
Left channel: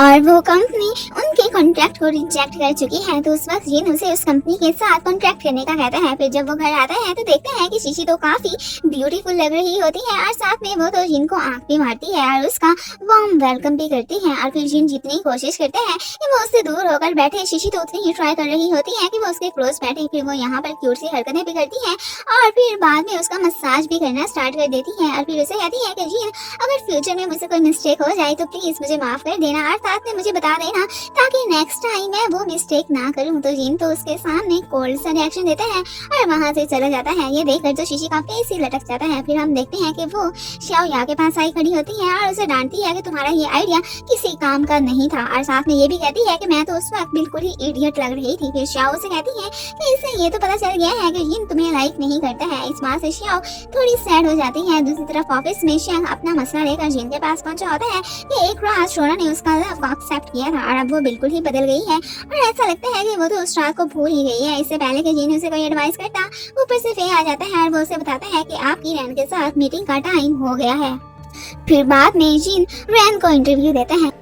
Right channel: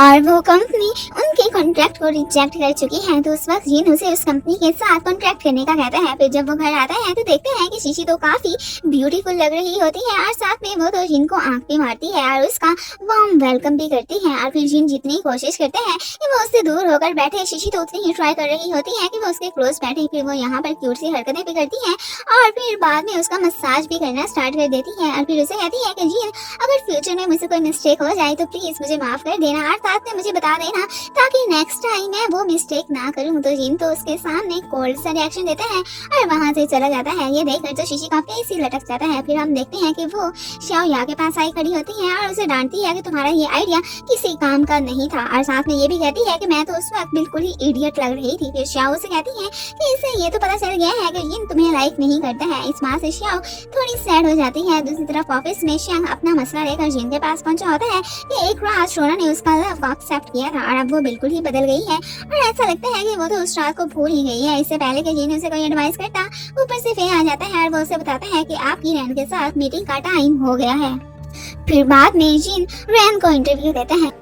और वो कंपनी उनके कॉन्ट्रैक्ट को रिजेक्ट कर चुकी है। तो उस वक्त जिन उसे उस कंपनी के साथ कॉन्ट्रैक्ट करने का कहता है। फिर जब वो घर आता है तो देखते हैं कि शीशी तो काफी ब्यूटीफुल लग रही होती है और साथ में वो तो जिन को आंख भी मारती है और उसका वार्म वेलकम भी करती है। और फिर जिन जितनी कोशिश करते हैं कि वो उससे दूर होकर बैठे, शीशी तो उतनी ही ट्राई कर रही होती है कि वो उसके क्लोज बैठे। फिर वो यहाँ पर क्यूट सी हरकतें भी करती है और फिर बाद में उसका मसाज भी करना स्टार्ट कर देती है और फिर उसे कहती है कि जिन अगर फ्यूचर में मुझसे कोई मिस्टेक हो जाए तो प्लीज मुझे माफ कर देना और साथ में मुझे बता देना ताकि नेक्स्ट टाइम मैं वो मिस्टेक ना करूं। तो जिन तो उसके सामने कोल्ड सा रिएक्शन देता है और वहां से चला जाता है। ये देखकर तो शीशी का फेस ही लटक जाता है। फिर हम देखते हैं कि वो शाओ या के पास आई खड़ी होती है और उसे डांटती है कि तुम्हारा ये आइडिया किसी काम का नहीं था और साथ में ये भी कहती है कि मैं तो उस वक्त बिल्कुल ही इडियट लग रही थी। फिर शाओ से कहती है कि इसे ये तो पता चल गया है कि जिन तुम्हें लाइक नहीं करता है। इस बात से शाओ थोड़ी सैड हो जाती है। दूसरी तरफ ऑफिस में शांग अपना मसला लेकर जिन के पास पहुंचा होता है कि एक रात शोना ने उसका लव को एक्सेप्ट किया था और अब वो बिल्कुल ही बदल गई है और ऐसा लगता है कि वो तो उस रात को भूल ही गई है। इससे पहले कि जिन उसे कोई एडवाइस करता ऊपर से फे आ जाता है और वो उसे बताता है कि आपकी रैन के साथ मीटिंग का टाइम हो गया है। फिर बाद में जिन रैन को इंटरव्यू देता है।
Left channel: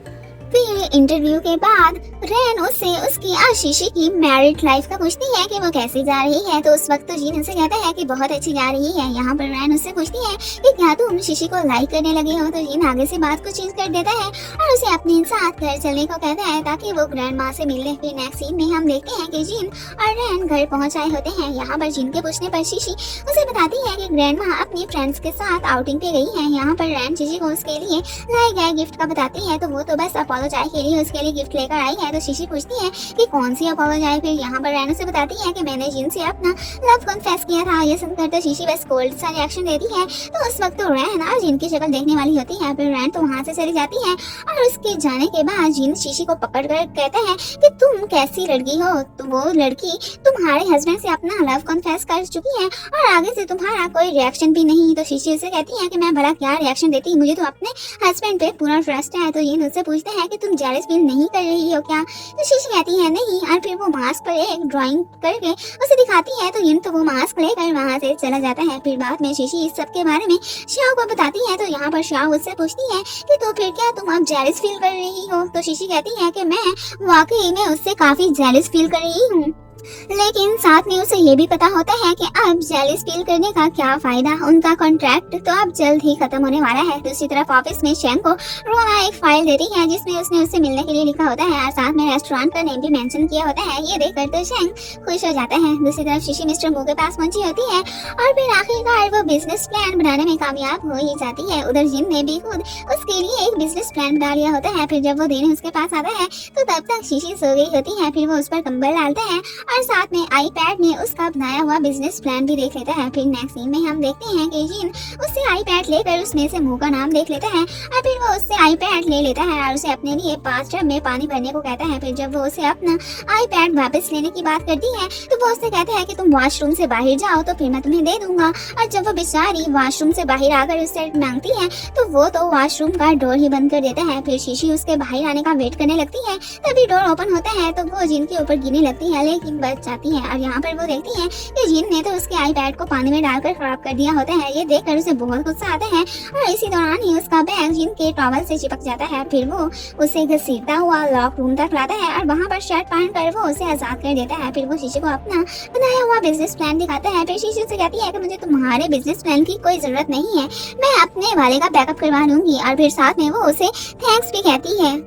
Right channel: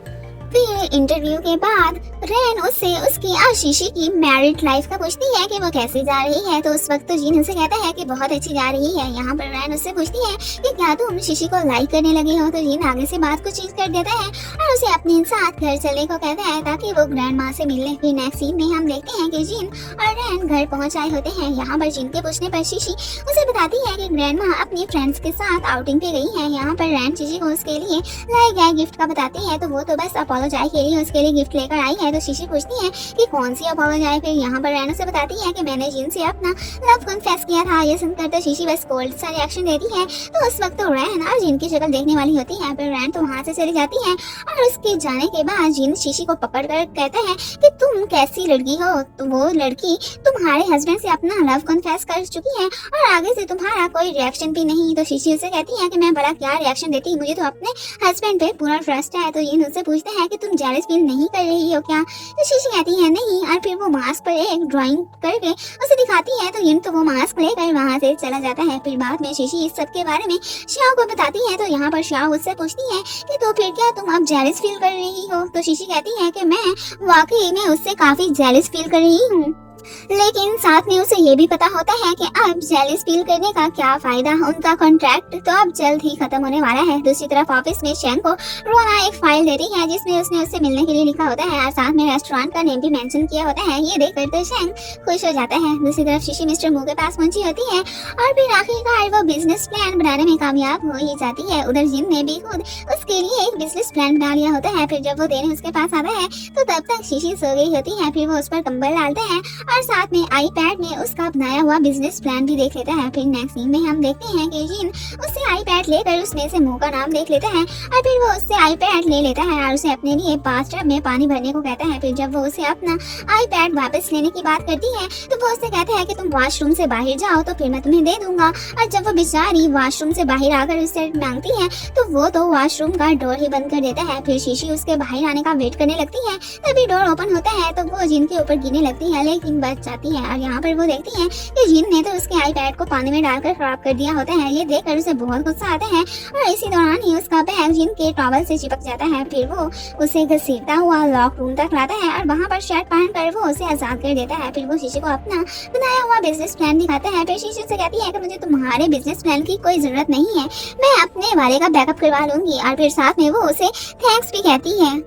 फिर इंटरव्यू के बाद रैन उससे उसकी और शीशी की मैरिड लाइफ का पूछती है कि वो कैसे जा रही है। तो उस वक्त तो जिन उसे कहता है कि बहुत अच्छी जा रही है। यहाँ पर रैन उससे पूछती है कि क्या तुम शीशी को लाइक करने लगे हो। तो जिन आगे से बात को चेंज कर देता है और उसे अपने साथ घर चलने को कहता है ताकि वो ग्रैंड माँ से मिलने। फिर नेक्स्ट सीन में हम देखते हैं कि जिन और रैन घर पहुँच आए होते हैं। यहाँ पर जिन के पूछने पर शीशी उसे बताती है कि ग्रैंड माँ अपनी फ्रेंड्स के साथ आउटिंग पे गई है। यहाँ पर रैन शीशी को उसके लिए लाए गए गिफ्ट का बताती है तो वो तो बस अपोलोजाइज के लिए उसके लिए गिफ्ट लेकर आई है। है तो शीशी पूछती है कि कौन सी अपोलोजाइज। फिर यहाँ पर रैन उसे बताती है कि मैंने जिन से अपना लव कन्फेस किया था। ये सुनकर तो शीशी बस कोल्ड सा रिएक्शन देती है। तो उस वक्त तो रैन और जिन की शक्ल देखने वाली होती है। फिर रैन तो वहाँ से चली जाती है और उसके जाने के बाद जिन शीशी को पकड़ कर कहते हैं कि तुम कैसी लड़की हो, तो वो लड़की तुम्हारे हस्बैंड से अपना लव कन्फेस कर चुकी है और आगे से तुम्हारा कोई रिएक्शन भी नहीं। तो शीशी उसे कहती है कि मैं भला क्या रिएक्शन देती, मुझे तो अपने हस्बैंड पे पूरा ट्रस्ट है। तो ये उससे पूछते हैं कि तुम जेलस फील नहीं कर रही हो क्या। तो शीशी कहती है नहीं, और फिर वो मास्क पर एक ड्राइंग करके उसे दिखाती है। तो ये तो वो मास्क लेकर वहाँ से चला जाता है। फिर बाद में शीशी इस सब के बारे में श्याओ को बताती है। तो यहाँ पर श्याओ उससे पूछती है कि तो फिर क्या तुम अब जेलस फील कर रही हो। तो शीशी कहती है कि मैं वाकई में उससे काफी जेलस फील कर रही हूँ, लेकिन साथ में उसे ये भी पता होता है कि अब जेलस फील करने का क्या फायदा। उनका कॉन्ट्रैक्ट तो अब जल्द ही खत्म होने वाला है। दूसरी तरफ ऑफिस में शैंग को रोना एक फाइल देती है जिसमें उसने उससे मिलने के लिए लिखा होता है और साथ में रेस्टोरेंट का नेम भी मेंशन किया होता है। ये देखकर तो शैंग खुश हो जाता है। दूसरी तरफ शीशी मिस्टर मू के पास पहुंची होती है और फिर आखिरकार वो बिजनेस प्लान बनाने में कामयाब हो ही जाती है। उधर जिन ने भी खुद उसके लिए एक बिजनेस प्लान बना लिया होता है। फिर जब वो देने उसके पास आता है तो तब तक शीशी सो गई होती है। फिर वो उस पर कंबल डालते हैं और साथ में आईपैड में उसका बनाया हुआ बिजनेस प्लान भी देख लेता है। फिर नेक्स्ट सीन में हम देखते हैं कि जिन उससे आईपैड लेकर उसमें से मुंह का नाम देख लेता है और फिर वो उससे आईपैड ले लेता है और उसे अपने लिए बाथटब में पानी भरने को कहता है। फिर जब वो उसे अपना आईपैड वापस लेने की बात करती है तो वो उससे कहता है कि तुम वॉशरूम से बाहर जाओ तो फिर मैं तुम्हें दे दूंगा। और जब वो बेचारी वॉशरूम से बाहर आकर उससे मांगती है तो वो तो वॉशरूम का डोर ही बंद कर देता है। फिर शीशी उसके बाहर आने का वेट करने लगती है। तभी डोर ओपन होता है तो वो जिनके ऊपर गिरने लगती है लेकिन बच जाती है। और यहाँ पर वो देखती है कि जिन ने तो उसके आईपैड को पानी में डालकर खराब कर दिया होता है। ये देखकर उसे बहुत गुस्सा आता है और इसी दौरान ही उसका बैग जिन के टॉवल से चिपक जाता है। फिर वो उसे घसीटता हुआ लॉक रूम तक लाता है और वहाँ पर शर्ट पहनकर वो उसे आजाद कर देता है। फिर वो शीशी को अपना बनाया हुआ बिजनेस प्लान दिखाता है। फिर शीशी से कहती है कि मुझे तुम्हारे बिजनेस प्लान की कोई जरूरत नहीं है, मैं अपने वाले का बैकअप करवा लूंगी। और फिर साथ में वो उसे थैंक्स भी कहती है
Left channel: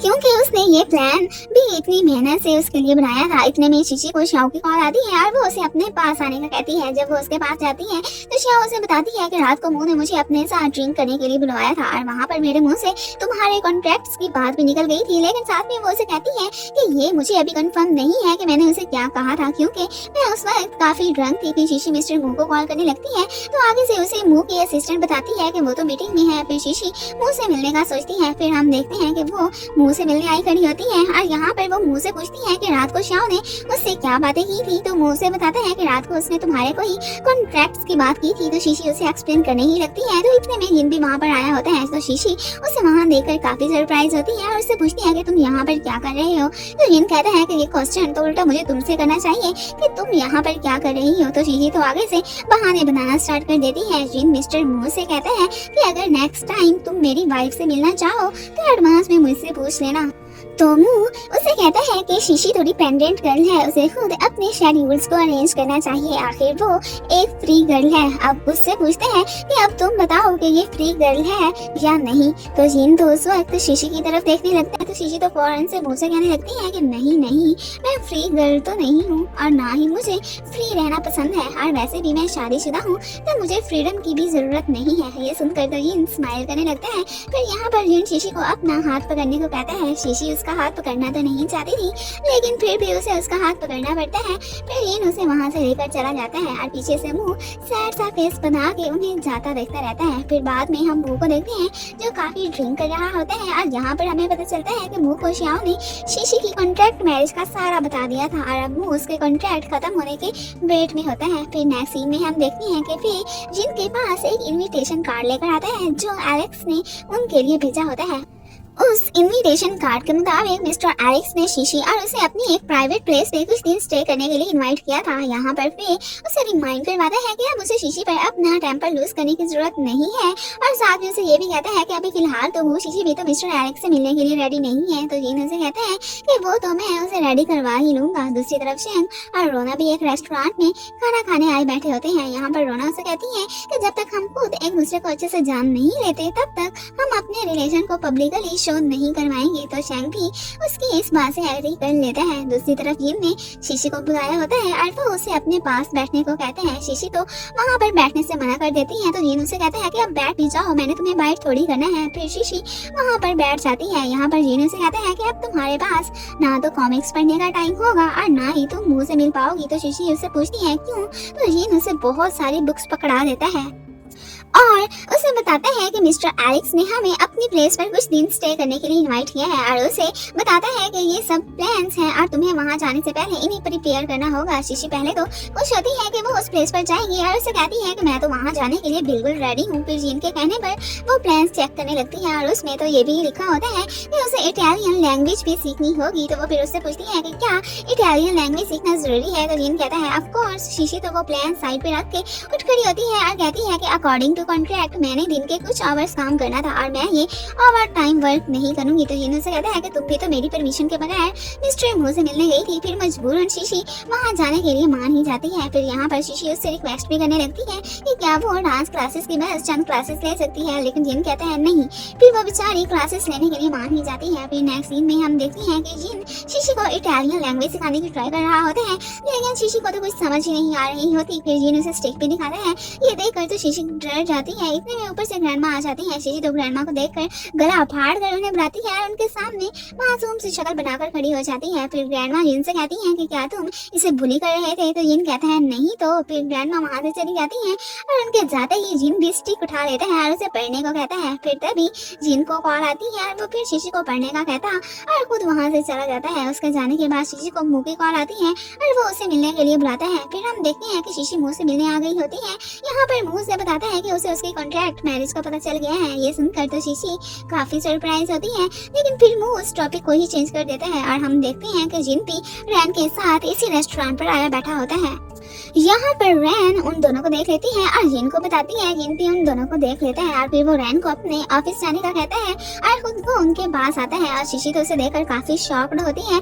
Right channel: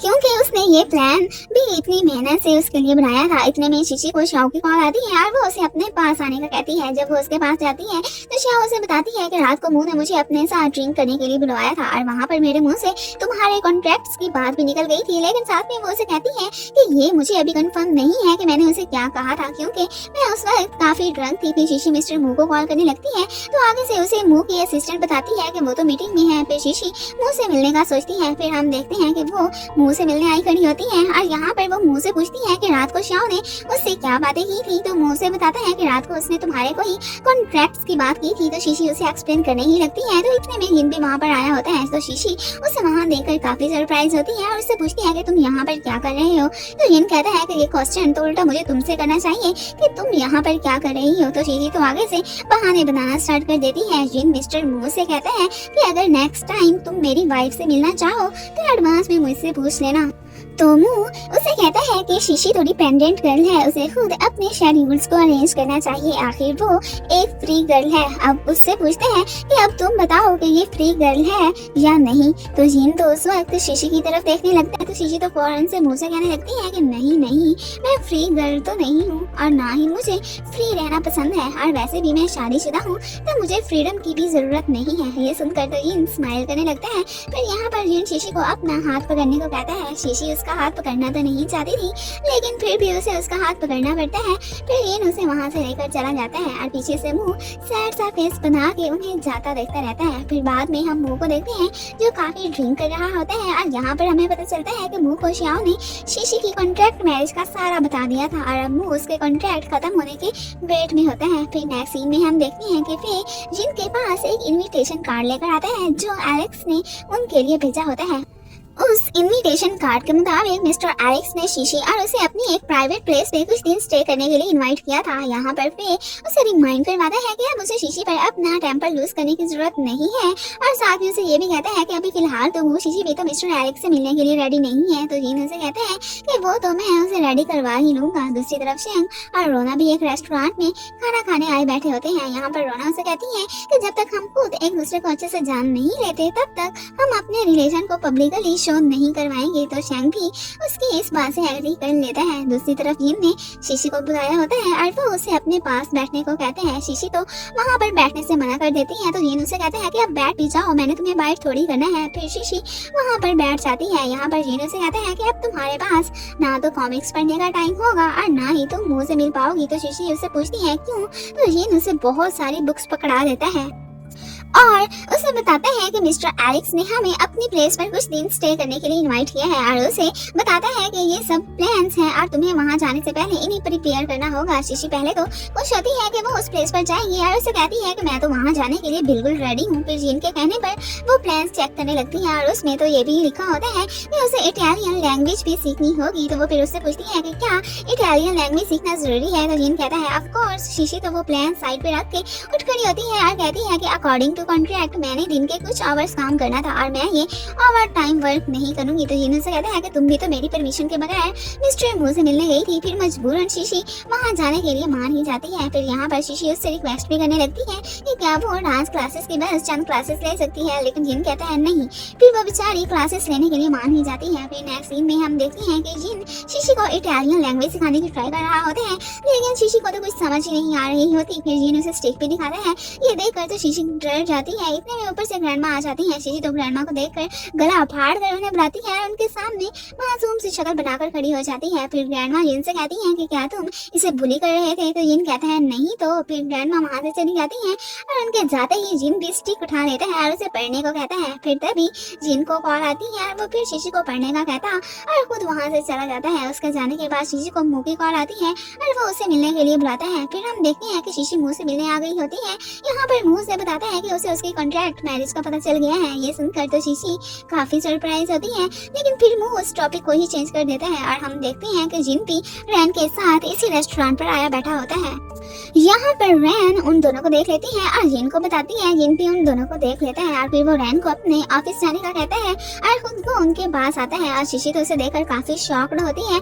क्योंकि उसने ये प्लान भी इतनी मेहनत से उसके लिए बनाया था। इतने में शीशी को शाओ की कॉल आती है और वो उसे अपने पास आने का कहती है। जब वो उसके पास जाती है तो शाओ उसे बताती है कि रात को मुंह ने मुझे अपने साथ ड्रिंक करने के लिए बुलवाया था और वहाँ पर मेरे मुंह से तुम्हारे कॉन्ट्रैक्ट्स की बात भी निकल गई थी। लेकिन साथ में वो उसे कहती है कि ये मुझे अभी कंफर्म नहीं है कि मैंने उसे क्या कहा था क्योंकि मैं उस वक्त काफी ड्रंक थी। फिर शीशी मिस्टर मुंह को कॉल करने लगती है तो आगे से उसे मुंह की असिस्टेंट बताती है कि वो तो मीटिंग में है। फिर शीशी मुंह से मिलने का सोचती है। फिर हम देखते हैं कि वो मुंह से मिलने आई खड़ी होती है और यहाँ पर वो मुंह से पूछती है कि रात को श्याओ ने उससे क्या बातें की थी। तो मुंह से बताते हैं कि रात को उसने तुम्हारे कोई कॉन्ट्रैक्ट्स की बात की थी। तो शीशी उसे एक्सप्लेन करने ही लगती है। तो इतने में जिन भी वहाँ पर आया होता है तो शीशी उसे वहाँ देखकर काफी सरप्राइज होती है और उससे पूछती है कि तुम यहाँ पर क्या कर रहे हो। तो जिन कहता है कि ये क्वेश्चन तो उल्टा मुझे तुमसे करना चाहिए कि तुम यहाँ पर क्या कर रही हो। तो शीशी तो आगे से बहाने बनाना स्टार्ट कर देती है। जिन मिस्टर मुंह से कहता है कि अगर नेक्स्ट टाइम तुम मेरी वाइफ से मिलना चाहो तो एडवांस में मुझसे पूछ लेना। तो मुंह उसे कहता है कि शीशी थोड़ी पेंडेंट गर्ल है, उसे खुद अपने शेड्यूल्स को अरेंज करना चाहिए, आखिर वो एक फ्री गर्ल है। अब उससे पूछते हैं कि अब तुम बताओ कि ये फ्री गर्ल है या नहीं। तो जिन तो उस वक्त शीशी की तरफ देखने लगता है तो शीशी तो फौरन से मुंह से कहने लगती है कि नहीं नहीं, मैं फ्री गर्ल तो नहीं हूँ और ना ही मुझे फ्री रहना पसंद है और वैसे भी मैं शादीशुदा हूँ तो मुझे फ्रीडम की भी जरूरत नहीं है। ये सुनकर तो जिन स्माइल करने लगता है। फिर यहाँ पर जिन शीशी को अपना हाथ पकड़ने को कहता है। शीशी उसका हाथ पकड़ना तो नहीं चाहती थी लेकिन फिर भी उसे उसका हाथ पकड़ना पड़ता है। फिर जिन उसे वहाँ से लेकर चला जाता है और पीछे से मुंह सैड सा फेस बना के उन्हें जाता देखता रहता है। फिर बाद में हम मुंह को देखते हैं जो काफी ड्रिंक कर रहा होता है और यहाँ पर हमें पता चलता है कि मुंह को श्याओ ने शीशी की कॉन्ट्रैक्ट मैरिज का सारा बता दिया था और अब मुंह उसके कॉन्ट्रैक्ट खत्म होने के वेट में होता है। फिर नेक्स्ट सीन में हम देखते हैं कि फिर जिनके पास एक इनविटेशन कार्ड लेकर आता है जो एलेक्स ने उनके लिए भेजा होता है। उस इनविटेशन कार्ड के मुताबिक मिस्टर एलेक्स ने शीशी और उसे अपनी एक प्राइवेट प्लेस पे कुछ दिन स्टे करने के लिए इनवाइट किया था। यहाँ पर फिर उसे रिमाइंड करवाता है कि अब उसे शीशी पर अपना टेम्पर लूज करने की जरूरत नहीं है और साथ में उसे ये भी कहता है कि अभी फिलहाल तो वो शीशी भी तो मिस्टर एलेक्स से मिलने के लिए रेडी नहीं है। तो जिन उसे कहते हैं कि वो तो मैं उसे रेडी करवा ही लूंगा। दूसरी तरफ शैंग और रोना भी एक रेस्टोरेंट में खाना खाने आए बैठे होते हैं। यहाँ पर रोना उसे कहती है कि जब तक हम खुद एक दूसरे को अच्छे से जान नहीं लेते तब तक हम अपने रिलेशन को पब्लिकली शो नहीं करवाएंगे तो शैंग भी उसकी इस बात से एग्री कर लेता है। दूसरी तरफ जिन ने शीशी को बुलाया होता है और वो उसे अपने पास बैठने को कहते हैं। शीशी तो वहाँ पर बैठने से मना कर देती है, तो जिन उसे कहते हैं कि अब बैठ भी जाओ, मैंने तुम्हें बाइट थोड़ी करना है। फिर शीशी वहाँ पर बैठ जाती है। यहाँ पर जिन उसे कहते हैं कि अब तुम्हारे पास ना तो कॉमिक्स पढ़ने का टाइम होगा और ना ही तुम मुंह से मिल पाओगी। तो शीशी उससे पूछती है क्यों, तो जिन उसे बहुत सारी बुक्स पकड़ा देता है और उसे बताता है कि मिस्टर एलेक्स ने हमें अपनी प्लेस पर कुछ दिन स्टे करने के लिए इनवाइट किया है और उसे बताता है कि ये सब प्लान्स हैं और तुम्हें वहाँ जाने से पहले इन्हें प्रिपेयर करना होगा। शीशी पहले तो खुश होती है कि वो उस प्लेस पर जाएगी और उसे कहती है कि मैं तो वहाँ जाने के लिए बिल्कुल रेडी हूँ। फिर जिन के कहने पर वो प्लान्स चेक करने लगती है और उसमें तो ये भी लिखा होता है कि उसे इटालियन लैंग्वेज भी सीखनी होगी। तो वो फिर उससे पूछती है कि क्या इटालियन लैंग्वेज सीखना जरूरी है, तो जिन कहता है ऑफ कोर्स। शीशी तो वो प्लान साइड पे रख के उठ खड़ी होती है और कहती है कि अकॉर्डिंग टू कॉन्ट्रैक्ट मैंने दिन के कुछ आवर्स काम करना था और मैं ये ओवर टाइम वर्क नहीं करूंगी। तो जिन से कहता है कि तुम भी तो मेरी परमिशन के बगैर मिस्टर मू से मिलने गई थी। फिर मजबूरन शीशी वहाँ जाने के लिए मान ही जाती है। फिर यहाँ पर शीशी उससे रिक्वेस्ट भी करने लगती है कि क्या वो डांस क्लासेस की बस चंद क्लासेस ले सकती है, लेकिन जिन कहता है नहीं। फिर वो बेचारी क्लासेस लेने के लिए मान ही जाती है। फिर नेक्स्ट सीन में हम देखते हैं कि जिन शीशी को इटालियन लैंग्वेज सिखाने की ट्राई कर रहा होता है, लेकिन शीशी को तो कुछ समझ ही नहीं आ रही होती। फिर जिन उसे स्टिक भी दिखाता है, ये देखकर तो शीशी डर जाती है। इतने में ऊपर से ग्रैंडमा आ जाती है। शीशी तो ग्रैंडमा को देखकर गला फाड़ कर उन्हें बुलाती है और उनके सामने मासूम सी शक्ल बनाकर खड़ी हो जाती है। फिर ग्रैंडमा जिन से कहती है कि क्या तुम इसे बुली कर रहे थे, तो जिन कहता है नहीं। तो फिर ग्रैंडमा वहाँ से चली जाती है और उनके जाते ही जिन भी स्टिक उठा लेता है और उसे पढ़ने को कहता है। फिर तभी जिन को कॉल आती है और वो फिर शीशी को पढ़ने का कहता और खुद वहाँ से चला जाता है। उसके जाने के बाद शीशी को मुँह की कॉल आती है और वो उसे मिलने के लिए बुलाता है। फिर हम देखते हैं कि शीशी मुँह से मिलने आ गई होती है। यहाँ पर मुँह से बताता है कि उसे उसकी कॉन्ट्रैक्ट मैरिज का पता चल गया है। ये सुनकर तो शीशी काफी सरप्राइज होती है, लेकिन फिर मुँह उस टॉपिक को ही चेंज कर देता है और हम देखते हैं कि जिन भी रैन के साथ इसी रेस्टोरेंट पर आया बैठा होता है। यहाँ पर रैन उन दोनों को देख लेती है और जिन को बताती है। जिन भी उन दोनों को देख लेता है और फिर वो रैन को अपने ऑफिस जाने का कहता है और खुद को उनके पास आता है और शीशी तो उसे देखकर काफी शॉक्ड होती है।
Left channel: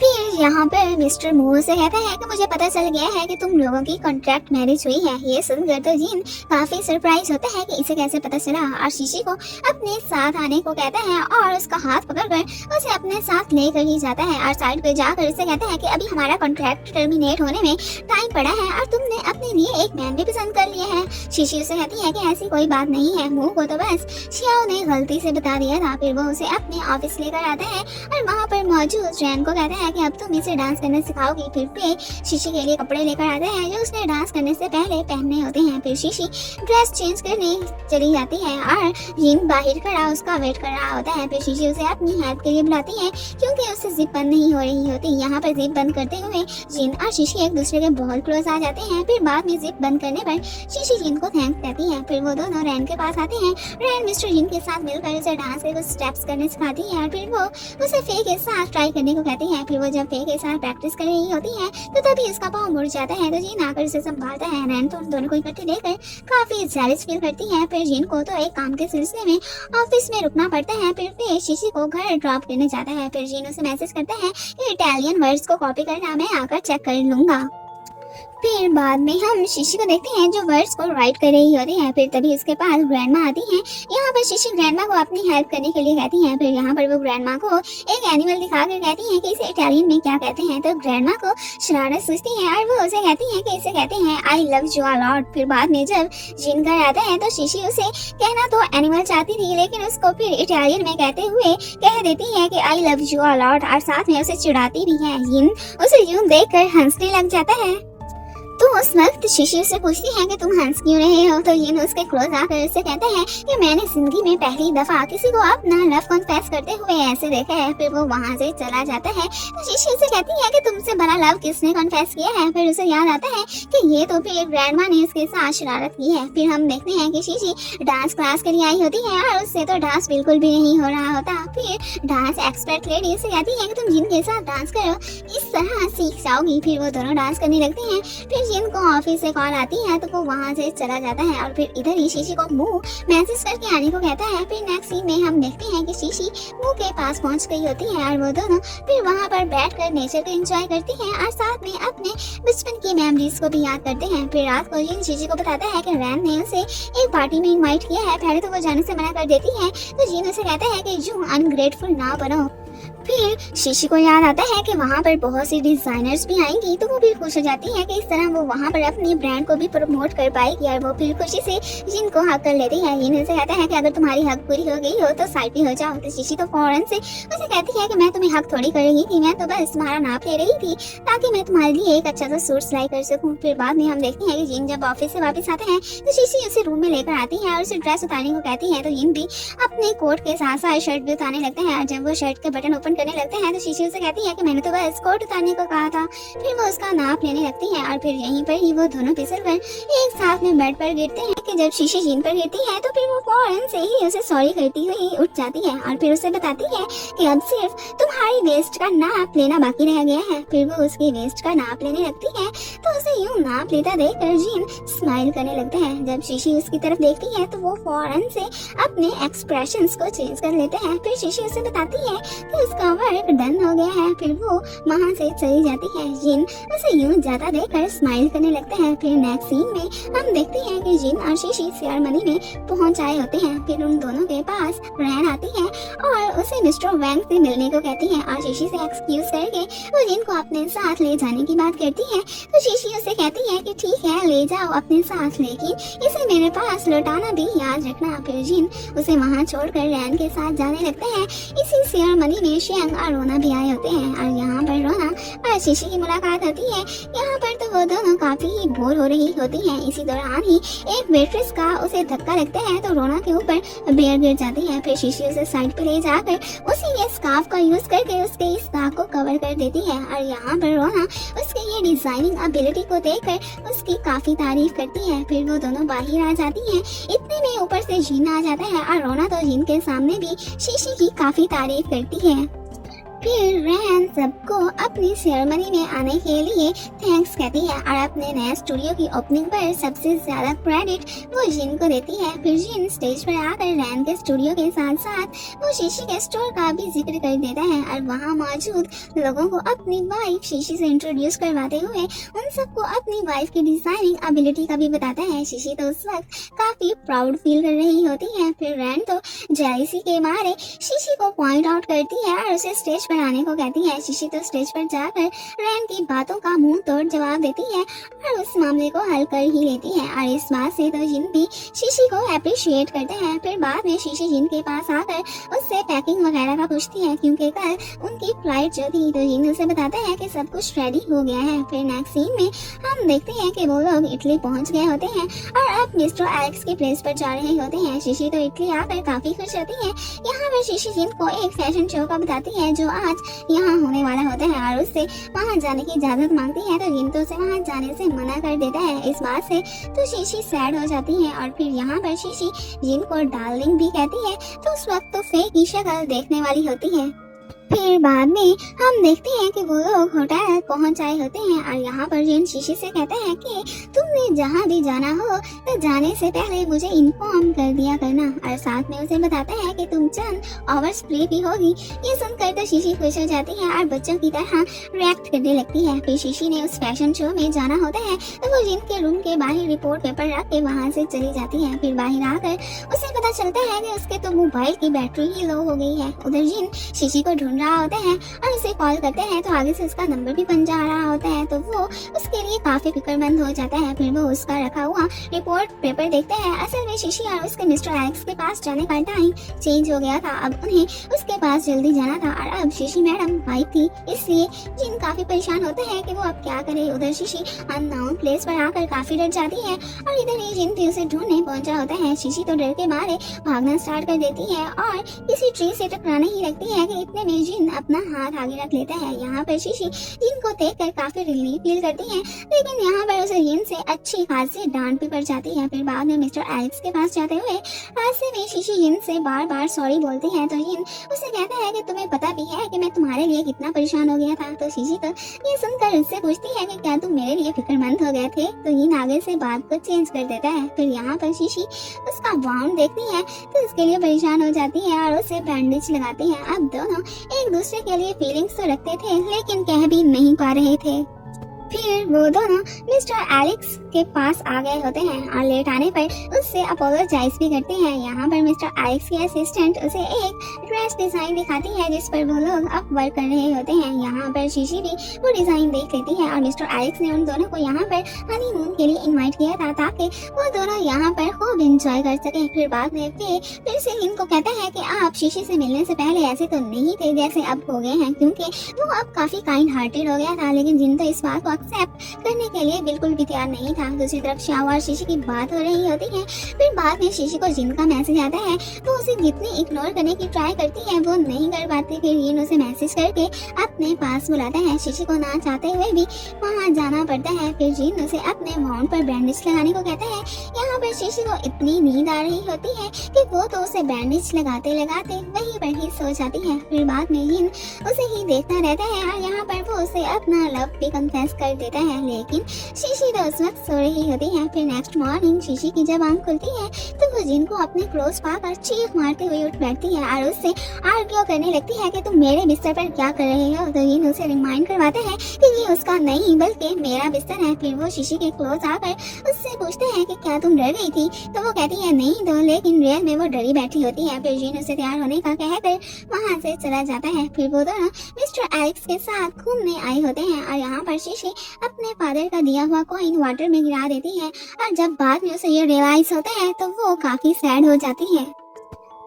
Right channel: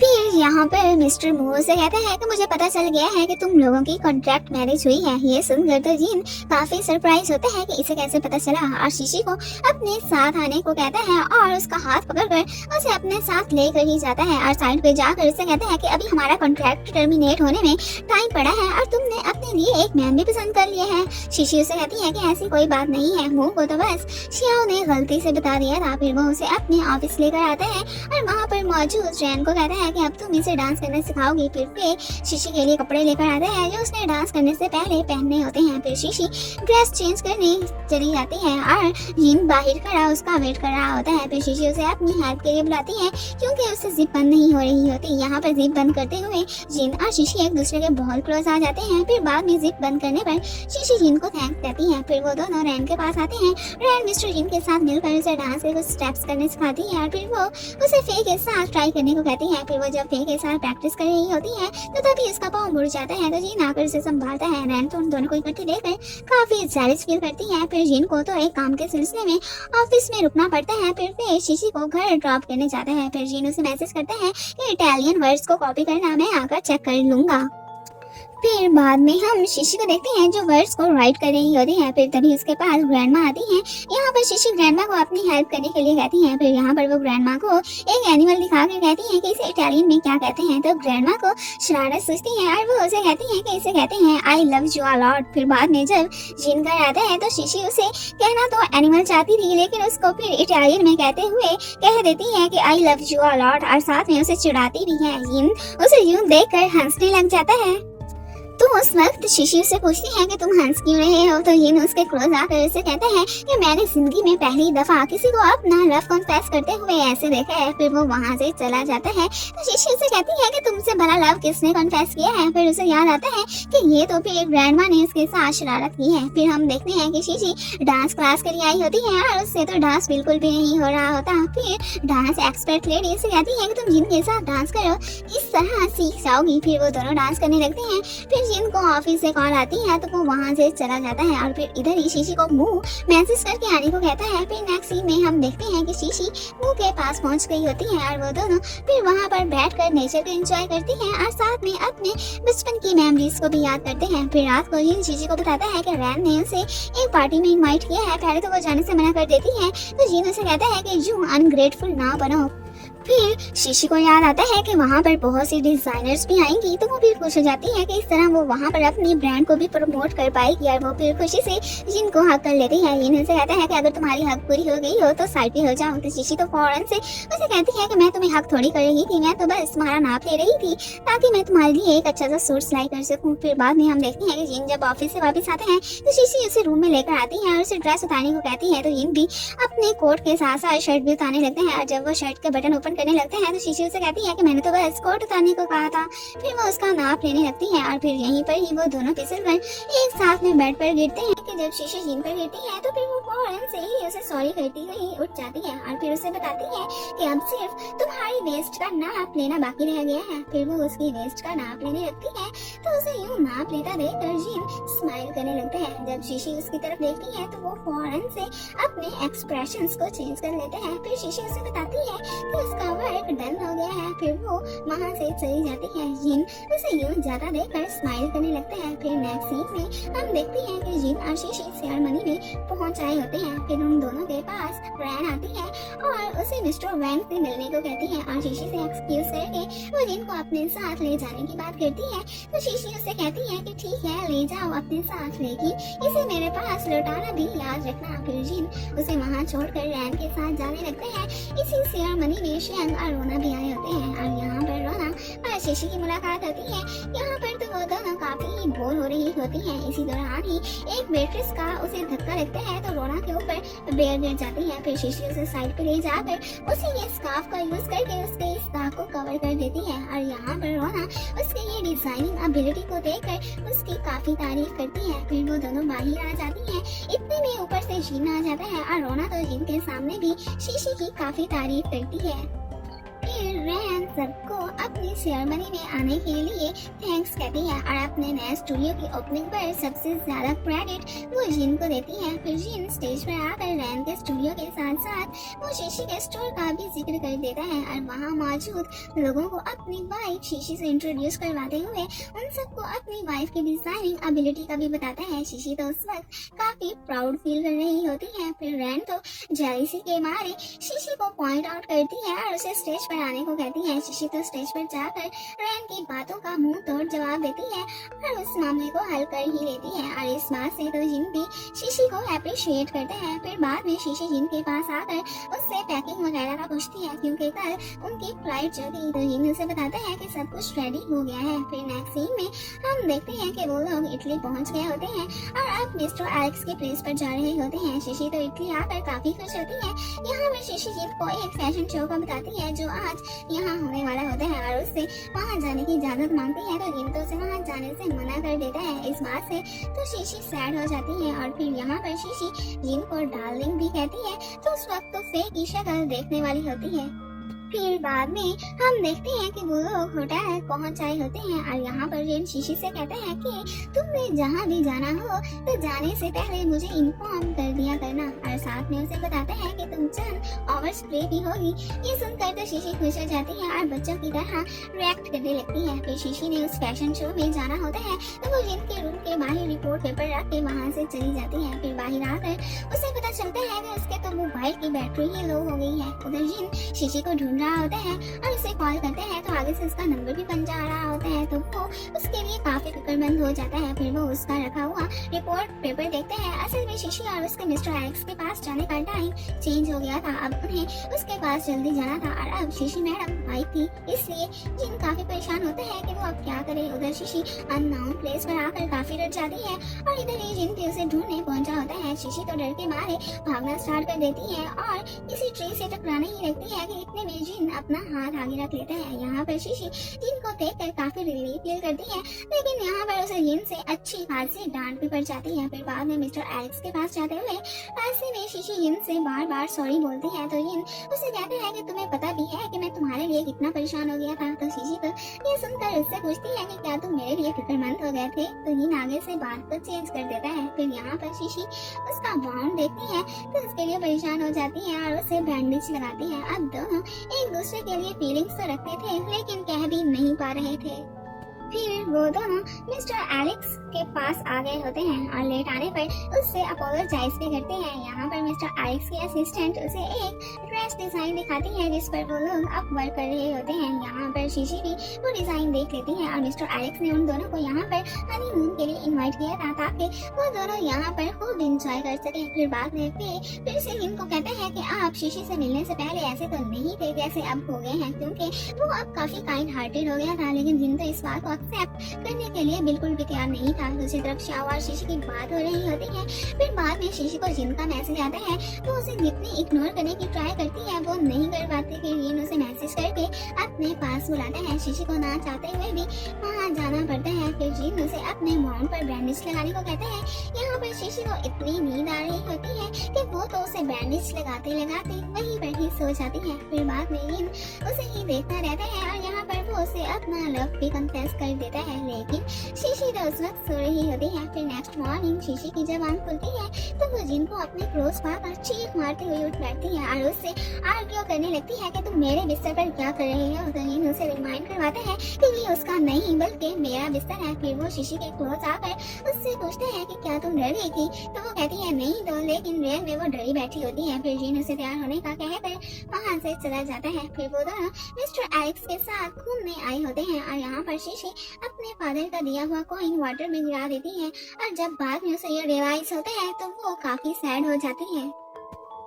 फिर यहाँ पर मिस्टर मू से कहता है कि मुझे पता चल गया है कि तुम लोगों की कॉन्ट्रैक्ट मैरिज हुई है। ये सुनकर तो जिन काफी सरप्राइज होता है कि इसे कैसे पता चला और शीशी को अपने साथ आने को कहता है और उसका हाथ पकड़कर उसे अपने साथ लेकर ही जाता है और साइड पे जाकर उसे कहता है कि अभी हमारा कॉन्ट्रैक्ट टर्मिनेट होने में टाइम पड़ा है और तुमने अपने लिए एक मैन भी पसंद कर लिया है। शीशी उसे कहती है कि ऐसी कोई बात नहीं है, मुँह को तो बस शियाओ ने गलती से बता दिया था। फिर वो उसे अपने ऑफिस लेकर आता है और वहाँ पर मौजूद रैन को कहता है कि अब तुम इसे डांस करना सिखाओगी। फिर शीशी के लिए कपड़े लेकर आता है जो उसने डांस करने से पहले पहनने होते हैं। फिर शीशी ड्रेस चेंज करने चली जाती है और जिन बाहर खड़ा उसका वेट कर रहा होता है। फिर शीशी उसे अपनी हेल्प के लिए बुलाती है क्योंकि उससे जिप बंद नहीं हो रही होती। यहाँ पर जिप बंद करते हुए जिन और शीशी एक दूसरे के बहुत क्लोज आ जाते हैं। फिर बाद में जिप बंद करने पर शीशी जिन को थैंक्स कहती है। फिर वो दोनों रैन के पास आते हैं। रैन मिस्टर जिन के साथ मिलकर उसे डांस के कुछ स्टेप्स करने सिखाती है। फिर वो उसे फे के साथ ट्राई करने को कहती है। फिर वो जब फे के साथ प्रैक्टिस कर रही होती है तो तभी उसका पाँव मुड़ जाता है, तो जिन आकर उसे संभालता है। रैन तो उन दोनों को इकट्ठे देखकर काफी जेलस फील करती है। फिर जिन को तो एक काम के सिलसिले में ऑफिस में रुकना पड़ता है। फिर शीशी को घर ड्रॉप करने जाता है। फिर जिन उसे मैसेज करता है कि इटालियन वर्ड्स को कॉपी करना मैं आकर चेक कर लूंगा। फिर बाद में हम शीशी को देखते हैं जो वर्ड्स को राइट कर रही होती है। फिर तभी उसके पास ग्रैंडमा आती है। यहाँ पर शीशी ग्रैंडमा को अपनी हेल्प करने के लिए कहती है। फिर यहाँ पर वो ग्रैंडमा को एक एनिमल दिखा कर कहती है कि इसे इटालियन में क्या कहते हैं। तो ग्रैंडमा को शरारत सोचती है और वो उसे कहती है कि इसे कहते हैं I love you a lot. फिर बाद में जब जिन घर आता है तो शीशी उसे कहना तो एनिमल चाहती थी, लेकिन उसको फिर इटालियन में कहते हुए कह देती है कि I love you a lot और साथ में उसे चिढ़ाती भी है। जिन उसे यूं देखकर हंसने लग जाता है। तो उस वक्त शीशी से पूछती है कि तुम हंस क्यों रहे हो। तो जिन उसके क्लोज आकर उससे कहता है कि मैंने जिंदगी में पहली दफा किसी को अपना लव कन्फेस करते हुए ऐसे देखा है। फिर वो वहाँ से चला जाता है। तो शीशी से कहती है कि तुमसे बड़ा लव किसने कन्फेस किया है। फिर उसे याद आता है कि ये तो फिर ग्रैंडमा ने उसके साथ शरारत की है। फिर हम देखते हैं कि शीशी डांस क्लास के लिए आई होती है और उससे तो डांस बिल्कुल भी नहीं हो रहा होता। फिर डांस एक्सपर्ट लेडी से कहती है कि तुम जिन के साथ डांस करो इस तरह सीख जाओगी। फिर वो दोनों डांस करने लगते हैं। फिर जिन को ऑफिस से कॉल आती है तो वो वहाँ से चला जाता है और फिर इधर ही शीशी को मुंह मैसेज करके आने को कहता है। फिर नेक्स्ट सीन में हम देखते हैं कि शीशी मुंह के पास पहुँच गई होती है और वो दोनों फिर वहाँ पर बैठकर नेचर को एंजॉय करते हैं और साथ में अपने बचपन की मेमोरीज को भी याद करते हैं। फिर रात को जिन शीशी को बताता है कि रैन ने उसे एक पार्टी में इनवाइट किया है। पहले तो वो जाने से मना कर देती है तो जिन उसे कहता है कि जो अनग्रेटफुल ना बनो। फिर शीशी को याद आता है कि वहाँ पर बहुत सी डिजाइनर्स भी आएंगी तो वो फिर खुश हो जाती है कि इस तरह वो वहाँ पर अपनी ब्रांड को भी प्रमोट कर पाएगी और वो फिर खुशी से जिन को हक कर लेती है। जिन उसे कहता है कि अगर तुम्हारी हक पूरी हो गई हो तो साइड पे हो जाओ। तो शीशी तो फौरन से उसे कहती है कि मैं तुम्हें हक थोड़ी कर रही थी, मैं तो बस तुम्हारा नाप ले रही थी ताकि मैं तुम्हारे लिए एक अच्छा सा सूट सिलाई कर सकूँ। फिर बाद में हम देखते हैं कि जिन जब ऑफिस से वापस आते हैं तो शीशी उसे रूम में लेकर आती है और उसे ड्रेस उतारने को कहती है। तो जिन भी अपने कोट के साथ साथ शर्ट भी उतारने लगते हैं और जब वो शर्ट के बटन ओपन करने लगते हैं तो शीशी उसे कहती है कि मैंने तो बस कोट उतारने को कहा था। फिर वो उसका नाप लेने लगती है और फिर यहीं पर ही वो दोनों फिसलकर एक साथ में बेड पर गिरते हैं कि जब शीशी जिन पर गिरती है तो फिर वो फौरन से ही उसे सॉरी करती हुई उठ जाती है और फिर उसे बताती है कि अब सिर्फ तुम्हारी वेस्ट का नाप लेना बाकी रह गया है। फिर वो उसकी वेस्ट का नाप लेने लगती है तो उसे यूं नाप लेता देखकर जिन स्माइल करने लगता है। जब शीशी उसकी तरफ देखती है तो वो फौरन से अपने एक्सप्रेशंस को चेंज कर लेते हैं। फिर शीशी उसे बताती है कि उसका वर्क डन हो गया है। फिर वो वहाँ से चली जाती है। जिन उसे यूं जाता देखकर स्माइल करने लगते हैं। फिर नेक्स्ट सीन में हम देखते हैं कि जिन और शीशी सेरेमनी में पहुंच आए होते हैं। फिर उन दोनों के पास रैन आती है और उसे मिस्टर वैंग से मिलने को कहती है और शीशी से एक्सक्यूज करके वो जिन को अपने साथ ले जाने की बात करती है। तो शीशी उसे कहती है कि ठीक है ले जाओ अपने साथ, लेकिन इसे मेरे पास लौटाना भी याद रखना। फिर जिन उसे वहाँ छोड़कर रैन के साथ जाने लगते हैं। इसी सेरेमनी में शेंग और रोना भी आए होते हैं और यहाँ पर रोना और शीशी की मुलाकात होती है। यहाँ पर तो वो दोनों काफी ही बोर हो रही होती हैं। इसी दौरान ही एक वेट्रेस का उसे धक्का लगता है तो रोना के ऊपर बेयर गिर जाती है। फिर शीशी उसे साइड पे ले जाकर उसे ये स्कार्फ का यूज करके उसके इस दाग को कवर कर देती है और यहाँ पर रोना उसके ये डिजाइनिंग एबिलिटी को देखकर उसकी काफी तारीफ करती है। फिर वो दोनों बाहर आ जाती हैं। इतने में ऊपर से जिन आ जाता है और रोना तो जिन के सामने भी शीशी की काफी तारीफ करती है। फिर रैन सबको अपनी सेरेमनी में आने के लिए थैंक्स कहती है और अपने नए स्टूडियो की ओपनिंग पर सबसे ज्यादा क्रेडिट वो जिन को देती है। फिर जिन स्टेज पर आकर रैन के स्टूडियो के साथ साथ वो शीशी के स्टोर का भी जिक्र कर देता है और वहाँ मौजूद लोगों को अपनी वाइफ शीशी से इंट्रोड्यूस करवाते हुए उन सबको अपनी वाइफ की डिजाइनिंग एबिलिटी का भी बताता है। शीशी तो उस वक्त काफी प्राउड फील कर रही होती है। फिर रैन तो जेलसी के मारे शीशी को पॉइंट आउट करती है और उसे स्टेज पर आने को कहती है। शीशी तो स्टेज पर जाकर रैन की बातों का मुंह तोड़ जवाब देती है और उस मामले को हल कर ही लेती है और इस बात से तो जिन भी शीशी को अप्रिशिएट करते हैं। फिर बाद में शीशी जिन के पास आकर उससे पैकिंग वगैरह का पूछती है क्योंकि कल उनकी फ्लाइट जो थी। तो जिन उसे बताता है कि सब कुछ रेडी हो गया है। फिर नेक्स्ट सीन में हम देखते हैं कि वो लोग इटली पहुंच गए होते हैं और अब मिस्टर एलेक्स की प्लेस पर जा रहे होते हैं। शीशी तो इटली आकर काफी खुश होती है। यहाँ पर शीशी जिन को एक फैशन शो का बताती है जो आज यहाँ होने वाला होता है और उससे वहाँ जाने की इजाजत मांगती है। तो जिन तो उसे वहाँ जाने से मना कर देता है। इस बात से तो शीशी सैड हो जाती है और फिर यहाँ पर शीशी जिन को डार्लिंग भी कहती है। तो उस वक्त तो फे की शक्ल देखने वाली होती है। फिर बाद में हम देखते हैं कि वो लोग होटल पहुंच आए होते हैं और यहाँ पर जिन शीशी से कहते हैं कि तुमने जहाँ भी जाना हो तो जाने से पहले मुझे इन्फॉर्म कर दिया करना और साथ में उसे बताते हैं कि तुम चंद आवर्स फ्री भी होगी। ये सुनकर तो शीशी खुश हो जाती है और बच्चों की तरह रिएक्ट करने लगती है। फिर शीशी ने उस फैशन शो में जाना होता है तो वो जिन के रूम के बाहर रिपोर्ट पेपर रख के वहाँ से चली जाती है। फिर बाहर आकर उसे पता चलता है कि उसके तो मोबाइल की बैटरी ही लो हो गई है। उधर जिन शीशी को ढूंढ रहा होता है और उसे कॉल करते हैं तो आगे से उसका नंबर भी बन जा रहा होता है। तो वो उसके लिए काफी फिक्रमंद हो जाता है। फिर वो उसका रखा हुआ रिपोर्ट पेपर देखते हैं। असल में शीशी और उसके मिस्टर एलेक्स के पास जाने का टाइम चेंज हो गया था। अब उन्हें उसके पास जल्दी जाना था और अब शीशी मैडम वाइफ थी, इसलिए जिन काफी परेशान होते हैं कि वो अब क्या करे। उधर शीशी अननोन प्लेस पर आकर काफी डर जाती है और इधर ही जिन भी उसे ढूंढने पहुंचा होता है। शीशी तो डर के मारे भागना स्टार्ट कर देती है और किसी ट्री से टकराने ही लगती है कि इतने में जिन अपना हाथ आगे रख लेता है। यहाँ पर शीशी जिन को देखकर काफी रिलीफ फील करती है, लेकिन यहाँ पर उसे जिन से अच्छी खासी डांट भी पड़ जाती है। फिर बाद में मिस्टर एलेक्स के पास जाते हुए रास्ते में शीशी जिन से बार बार सॉरी बोलती है, तो जिन उसे कहता है कि तुम्हें पता भी है कि मैं तुम्हारे लिए कितना परेशान हो गया था। तो शीशी तो ये सुनकर उससे पूछती है कि क्या तुम मेरे लिए फिक्रमंद हो गए थे। तो जिन आगे से बात को चेंज कर देता है। फिर यहाँ पर शीशी उसका वाउंड देखती है तो इसके लिए परेशान हो जाती है और उसे बैंडेज लगाती है। अब दोनों एक दूसरे के लिए फीलिंग्स तो रखते थे, लेकिन कह भी नहीं पा रहे थे। फिर वो दोनों मिस्टर एलेक्स के पास आ गए होते हैं और लेट आने पर उससे अपोलोजाइज भी करते हैं। यहाँ पर मिस्टर एलेक्स के असिस्टेंट उसे एक ड्रेस डिजाइन दिखाती है जिस पर वो लोग अब वर्क कर रहे होते हैं। यहाँ पर शीशी भी वो डिजाइन देख लेती है और मिस्टर एलेक्स ने उन दोनों को यहाँ पर हनीमून के लिए इनवाइट किया था ताकि वो दोनों यहाँ पर खूब एंजॉय कर सके। फिर बाद में फिर से इनको कहता है कि आप शीशी से मिलने से पहले ऐसे तो नहीं थे जैसे अब हो गए हैं, क्योंकि वो अब काफी काइंड हार्टेड हो गया था। लेकिन जिन तो इस बात को एक्सेप्ट करने के लिए बिल्कुल भी तैयार नहीं था। दूसरी तरफ श्याम और शीशी की बात हो रही होती है। फिर बाद में शीशी को जिन का मैसेज आता है तो उसे जितनी इग्नोर करने की ट्राई करती है वो नहीं कर पाती। फिर जिन उसे मैसेज करके अपने पास बुलाता है। शीशी को ना चाहते हुए भी वहाँ जाना पड़ता है। फिर जिन उसे अपने वाउंड पर बैंडेज लगाने को कहता है। यहाँ पर शीशी को इतनी नींद आ रही होती है कि वो तो उसे बैंडेज लगाते लगाते वहीं पर ही सो जाती है। फिर बाद में जिन उसे ही देखता रहता है और यहाँ पर वो उसे अपना लव भी कन्फेस कर देता है, लेकिन शीशी तो उस वक्त सो रही होती है। फिर नेक्स्ट मॉर्निंग शीशी की जब आंख खुलती है तो वो जिन को अपने क्लोज पाकर चीख मारते हुए उठ बैठती है और उससे आर्ग्यू करने लगती है कि तुम मेरे बिस्तर पर क्या कर रहे हो। तो जिन उसे रिमाइंड करवाते हैं कि ये उसका नहीं बल्कि मेरा बिस्तर है। फिर वो शीशी के क्लोज आकर उससे पूछते हैं कि क्या तुम डर गई थी। तो वो कहती है नहीं तो, लेकिन रियल में वो डरी बैठी होती है। फिर जिन उसे तैयार होने का कहकर वहाँ से चला जाता है। फिर वो दोनों मिस्टर एलेक्स के साथ घूमने आए होते हैं और यहाँ पर शीशी अपने फादर का दिया हुआ कॉइन वाटर में गिरा देती है और जब बाद में उसे ये रियलाइज होता है तो वो काफी सैड हो जाती है।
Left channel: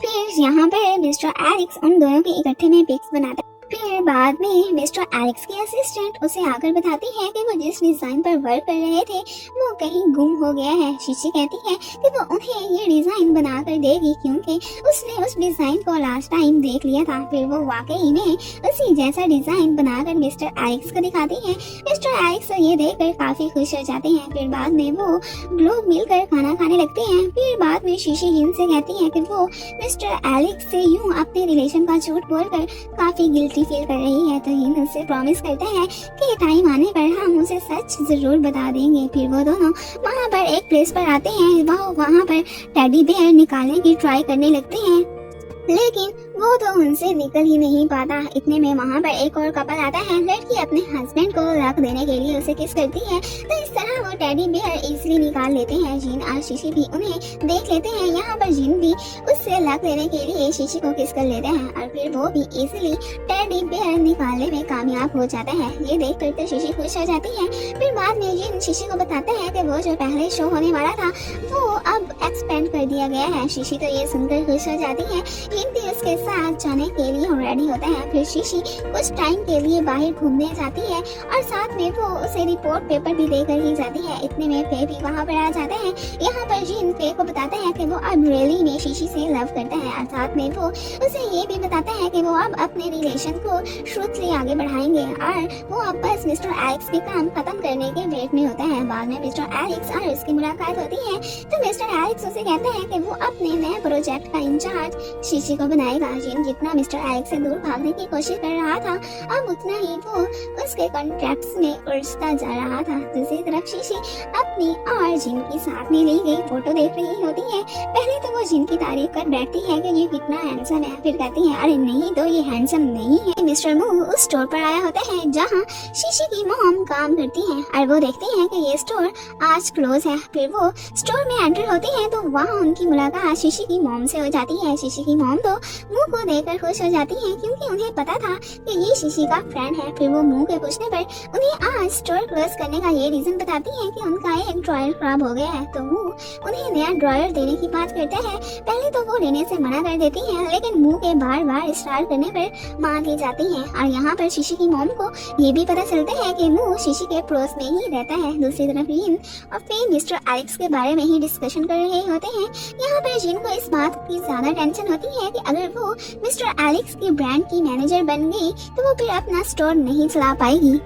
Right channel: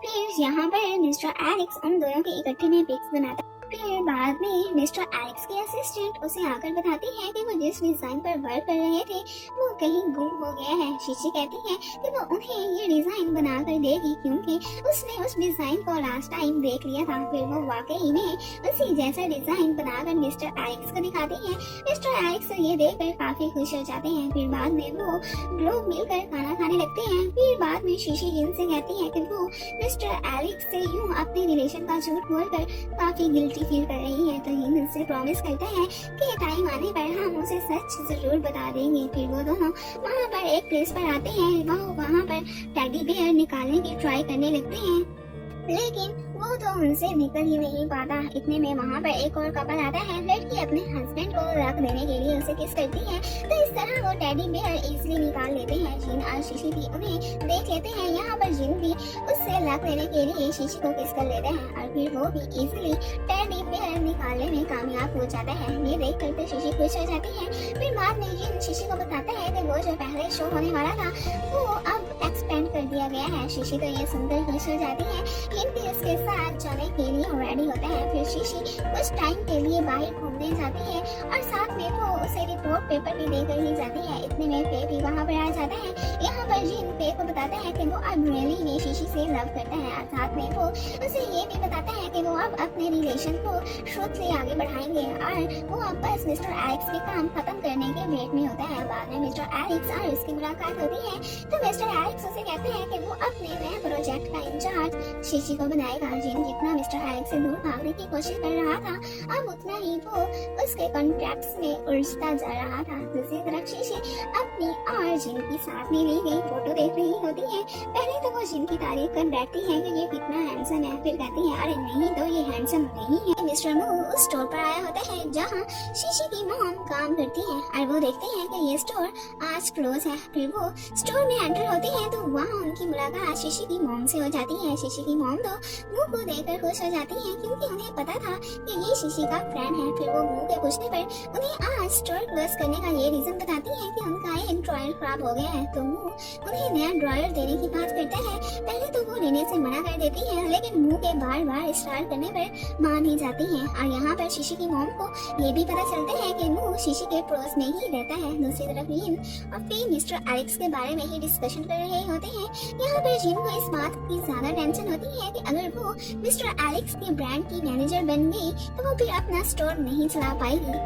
फिर यहाँ पर मिस्टर एलेक्स उन दोनों के इकट्ठे में पिक्स बनाता है। फिर बाद में मिस्टर एलेक्स की असिस्टेंट उसे आकर बताती है कि वो जिस डिजाइन पर वर्क कर रहे थे वो कहीं गुम हो गया है। शीशी कहती है कि वो उन्हें ये डिजाइन बना कर देगी क्योंकि उसने उस डिजाइन को लास्ट टाइम देख लिया था। फिर वो वाकई में उसी जैसा डिजाइन बनाकर मिस्टर एलेक्स को दिखाती है। मिस्टर एलेक्स ये देखकर काफी खुश हो जाते हैं। फिर बाद में वो लोग मिलकर खाना खाने लगते हैं। फिर बाद में शीशी जिन से कहती है कि वो मिस्टर एलेक्स से यूं अपने रिलेशन का झूठ बोलकर काफी गिल्टी फील कर रही है। तो जिन उससे प्रॉमिस करता है कि टाइम आने पर हम उसे सच जरूर बता देंगे। फिर वो दोनों वहाँ पर एक प्लेस पर आते हैं। वहाँ पर टेडी बेयर निकालने की ट्राई करने लगते हैं, लेकिन वो तो उनसे निकल ही नहीं पाता। इतने में वहाँ पर एक और कपल आता है। लड़की अपने हस्बैंड को रख देने के लिए उसे किस करती है, तो इस तरह वो टेडी बेयर इजीली निकाल लेते हैं। जिन और शीशी भी उन्हें देख लेते हैं। यहाँ पर जिन भी उससे रख लेने के लिए शीशी को किस कर लेते हैं और फिर वो भी इजीली टेडी बेयर निकालने में कामयाब हो जाता है। ये देख कर तो शीशी खुश हो जाती है। फिर बाद में जिन शीशी को बताता है कि वो जो पहले शो होने वाला था वो अब एक्सपेंड कर दिया गया है। शीशी तो ये सुनकर खुश हो जाती है। जिन भी उसके साथ जाने के लिए रेडी होता है। फिर शीशी कुछ टाइम के लिए बाहर घूमने जाती है और साथ में वो उसे रिपोर्ट पेपर भी देकर ही जाती है। इतने में फे भी वहाँ पर आ जाता है। यहाँ पर जिन फे को बताता है कि वो अब रियली में शीशी से लव करता है और साथ में वो उसे ये भी बताता है कि वो अब अपने रिलेशन को ट्रूथली आगे बढ़ाएंगे और वो अब बस मिस्टर एलेक्स के काम खत्म करने के वेट में होता है। बाद में मिस्टर एलेक्स और उसकी मुलाकात होती है तो मिस्टर एलेक्स उसे कहता है कि वो अपने नए प्रोजेक्ट का इंचार्ज शीशी को बनाएगा। जिन जितना मिस्टर एलेक्स से दूर भागने की कोशिश कर रहा था अब उतना ही वो उसके कॉन्ट्रैक्ट्स में उलझता जा रहा था। दूसरी तरफ शीशी अपनी और जिन की साथ में ली गई फोटो देख रही होती है। पहले तो वो जिन की तारीफ कर बैठती है कि ये कितना हैंडसम है। फिर कहती है अरे नहीं तो ये हैंडसम नहीं है। मिस्टर मू उस स्टोर पर आया होता है जहाँ शीशी की मॉम काम करती है और वो देखती है कि ये स्टोर आज क्लोज है। फिर वो स्टोर में एंटर होती है तो वहाँ उनकी मुलाकात शीशी की मॉम से हो जाती है। शीशी की मॉम तो मुंह को देखकर खुश हो जाती है क्योंकि उन्हें पता था कि ये शीशी का फ्रेंड है। फिर वो मुंह के पूछने पर उन्हें आज स्टोर क्लोज करने का ये रीजन बताती है कि उनका एक ड्रॉयर खराब हो गया है। तो वो उन्हें नया ड्रॉयर देने की बात करता है। पहले तो वो लेने से मना कर देती है लेकिन मुंह के बार बार स्टार्ट करने पर मान ही जाती है। और यहाँ पर शीशी की मॉम को ये भी पता चलता है कि वो शीशी के पड़ोस में ही रहता है। दूसरी तरफ जिन और फिर मिस्टर एलेक्स के बारे में ही डिस्कशन कर रहे होते हैं। यहाँ पर जिन को इस बात की ज्यादा टेंशन होती है कि अगर वो मिस्टर एलेक्स की ब्रांड की मैनेजर बन गई तो वो फिर अपना स्टोर नहीं चला पाएगी।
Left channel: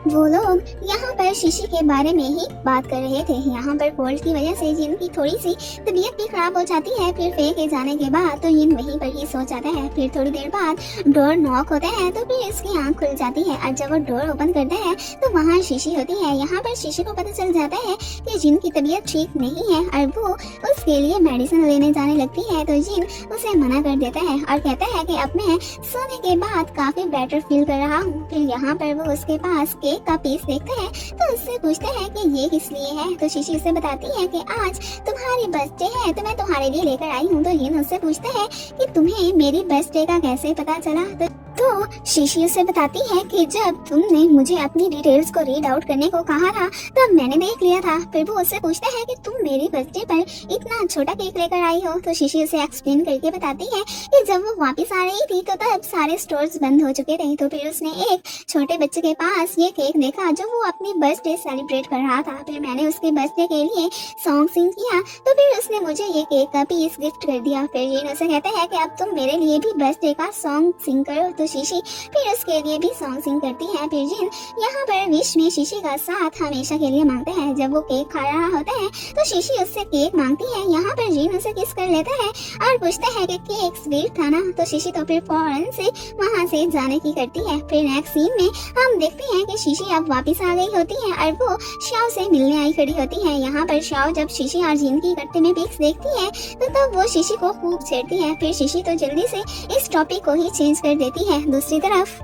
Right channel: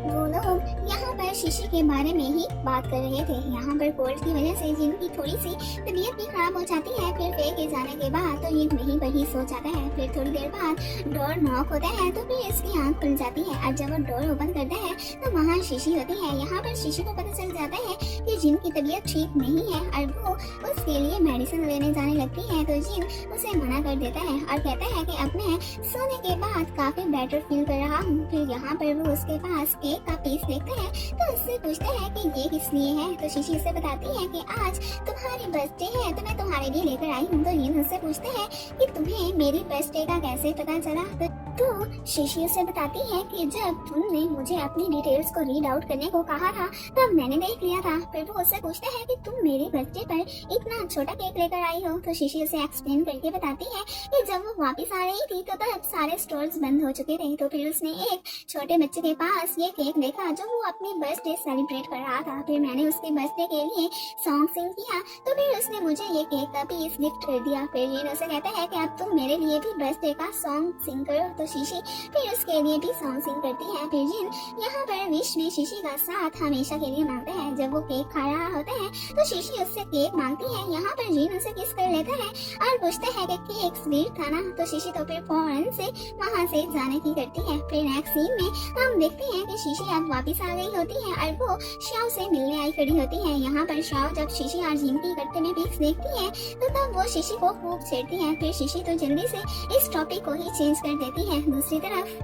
वो लोग यहाँ पर शीशी के बारे में ही बात कर रहे थे। यहाँ पर कोल्ड की वजह से जिन की थोड़ी सी तबीयत भी खराब हो जाती है। फिर फे के जाने के बाद तो जिन वहीं पर ही सो जाता है। फिर थोड़ी देर बाद डोर नॉक होता है तो फिर इसकी आंख खुल जाती है और जब वो डोर ओपन करता है तो वहाँ शीशी होती है। यहाँ पर शीशी को पता चल जाता है कि जिन की तबीयत ठीक नहीं है और वो उसके लिए मेडिसिन लेने जाने लगती है तो जिन उसे मना कर देता है और कहता है कि अब मैं सोने के बाद काफी बेटर फील कर रहा हूँ। फिर यहाँ पर वो उसके पास केक का पीस देखता है तो उससे पूछता है कि ये किस लिए है। तो शीशी उसे बताती है कि आज तुम्हारी बर्थडे है तो मैं तुम्हारे लिए लेकर आई हूँ। तो जिन उससे पूछता है कि तुम्हें मेरी बर्थडे का कैसे पता चला। तो शीशी उसे बताती है कि जब तुमने मुझे अपनी डिटेल्स को रीड आउट करने को कहा था तब मैंने देख लिया था। फिर वो उससे पूछता है कि तुम मेरी बर्थडे पर इतना छोटा केक लेकर आई हो। तो शीशी उसे एक्सप्लेन करके बताती है कि जब वो वापस आ रही थी तो तब सारे स्टोर्स बंद हो चुके थे। तो फिर उसने एक छोटे बच्चे के पास ये केक देखा जो वो अपनी बर्थडे सेलिब्रेट कर रहा था। फिर मैंने उसके बर्थडे के लिए सॉन्ग सिंग किया तो फिर उसने मुझे ये केक का पीस गिफ्ट कर दिया। फिर जिन उसे कहता है कि अब तुम मेरे लिए भी बर्थडे का सॉन्ग सिंग करो। तो शीशी फिर उसके लिए भी सॉन्ग सिंग करती है। फिर जिन यहाँ पर विश में शीशी का साथ हमेशा के लिए मांगता है। जब वो केक खा रहा होता है तो शीशी उससे केक मांगती है। यहाँ पर जिन उसे किस कर लेता है और पूछता है कि केक स्वीट था ना। तो शीशी तो फिर फौरन से वहाँ से जाने की करती है। फिर नेक्स्ट सीन में हम देखते हैं कि शीशी अब वापस आ गई होती है और वो शाओ से मिलने आई खड़ी होती है। यहाँ पर शाओ जब शीशी और जिन की इकट्ठे में पिक्स देखती है तो तब वो शीशी को खूब छेड़ती है। फिर शीशी तो जल्दी से इस टॉपिक को ही चेंज कर देती है। दूसरी तरफ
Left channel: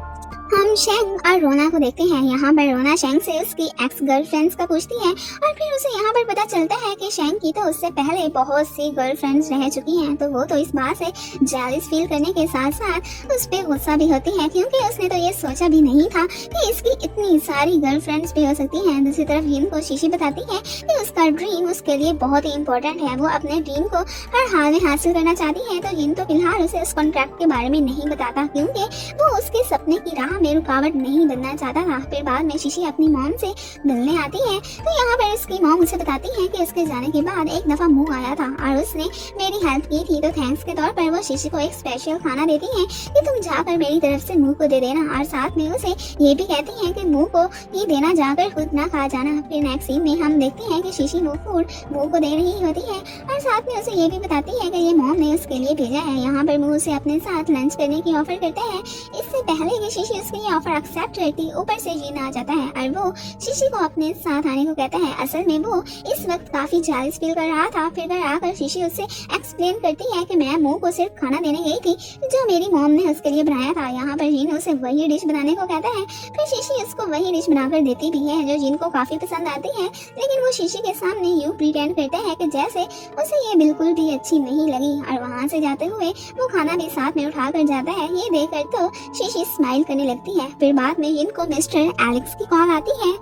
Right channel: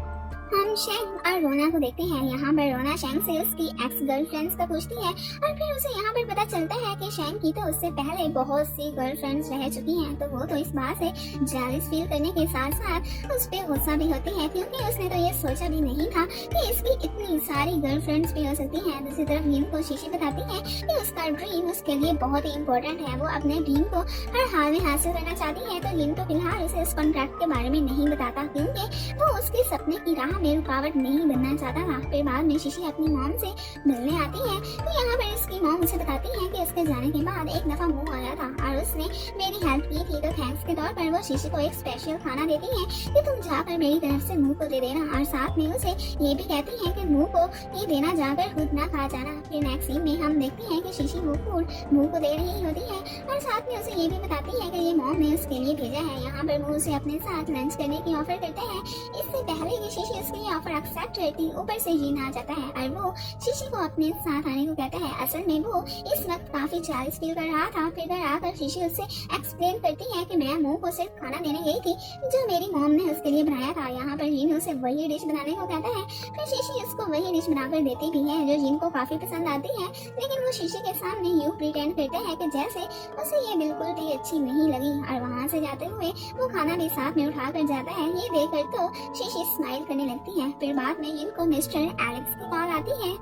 हम शेंग और रोना को देखते हैं। यहाँ पर रोना शेंग से उसकी एक्स गर्लफ्रेंड्स का पूछती है और फिर उसे यहाँ पर पता चलता है कि शेंग की तो उससे पहले बहुत सी गर्लफ्रेंड्स रह चुकी हैं। तो वो तो इस बात से जेलस फील करने के साथ साथ उस पर गुस्सा भी होती है क्योंकि उसने तो ये सोचा भी नहीं था कि इसकी इतनी सारी गर्लफ्रेंड्स भी हो सकती हैं। दूसरी तरफ जिन को शीशी बताती है कि उसका ड्रीम उसके लिए बहुत ही इम्पोर्टेंट है। वो अपने ड्रीम को हर हाल में हासिल करना चाहती है। तो जिन तो फिलहाल उसे उस कॉन्ट्रैक्ट के बारे में नहीं बताता क्योंकि वो उसके सपने की राह में रुकावट नहीं बनना चाहता था। फिर बाद में शीशी अपनी मॉम से मिलने आती है तो यहाँ पर उसकी मॉम उसे बताती है कि उसके जाने के बाद एक दफा मुंह आया था और उसने मेरी हेल्प की थी। तो थैंक्स के तौर पर वो शीशी को एक स्पेशल खाना देती है कि तुम जाकर मेरी तरफ से मुंह को दे देना और साथ में उसे ये भी कहती है कि मुंह को ही देना, जाकर खुद ना खा जाना। फिर नेक्स्ट सीन में हम देखते हैं कि शीशी वो फूड मुंह को दे रही होती है और साथ में उसे ये भी बताती है कि ये मॉम ने उसके लिए भेजा है। यहाँ पर मुंह उसे अपने साथ लंच करने की ऑफर करता है। इससे पहले कि शीशी उसके लिए ऑफर एक्सेप्ट करती ऊपर से जीन आ जाता है और वो शीशी को अपने साथ आने को कहता है। असल में वो इस वक्त काफी जेलस फील कर रहा था। फिर घर आकर शीशी उससे एक्सप्लेन करती है कि मैं मुंह को सिर्फ खाना देने गई थी जो मेरी मॉम ने उसके लिए बनाया था। यहाँ पर जीन उसे वही डिश बनाने को कहता है। फिर शीशी उसको वही डिश बनाकर देती भी है जो जिन को काफी पसंद आती है, लेकिन वो शीशी के सामने यूं प्रिटेंड करता है कि जैसे उसे ये बिल्कुल भी अच्छी नहीं लगी और वहाँ से जाते हुए वो खाना भी साथ में उठा कर जाता है। ये देखकर तो शीशी स्माइल करने लगती है। फिर बाद में इनको मिस्टर एलेक्स की कॉल आती है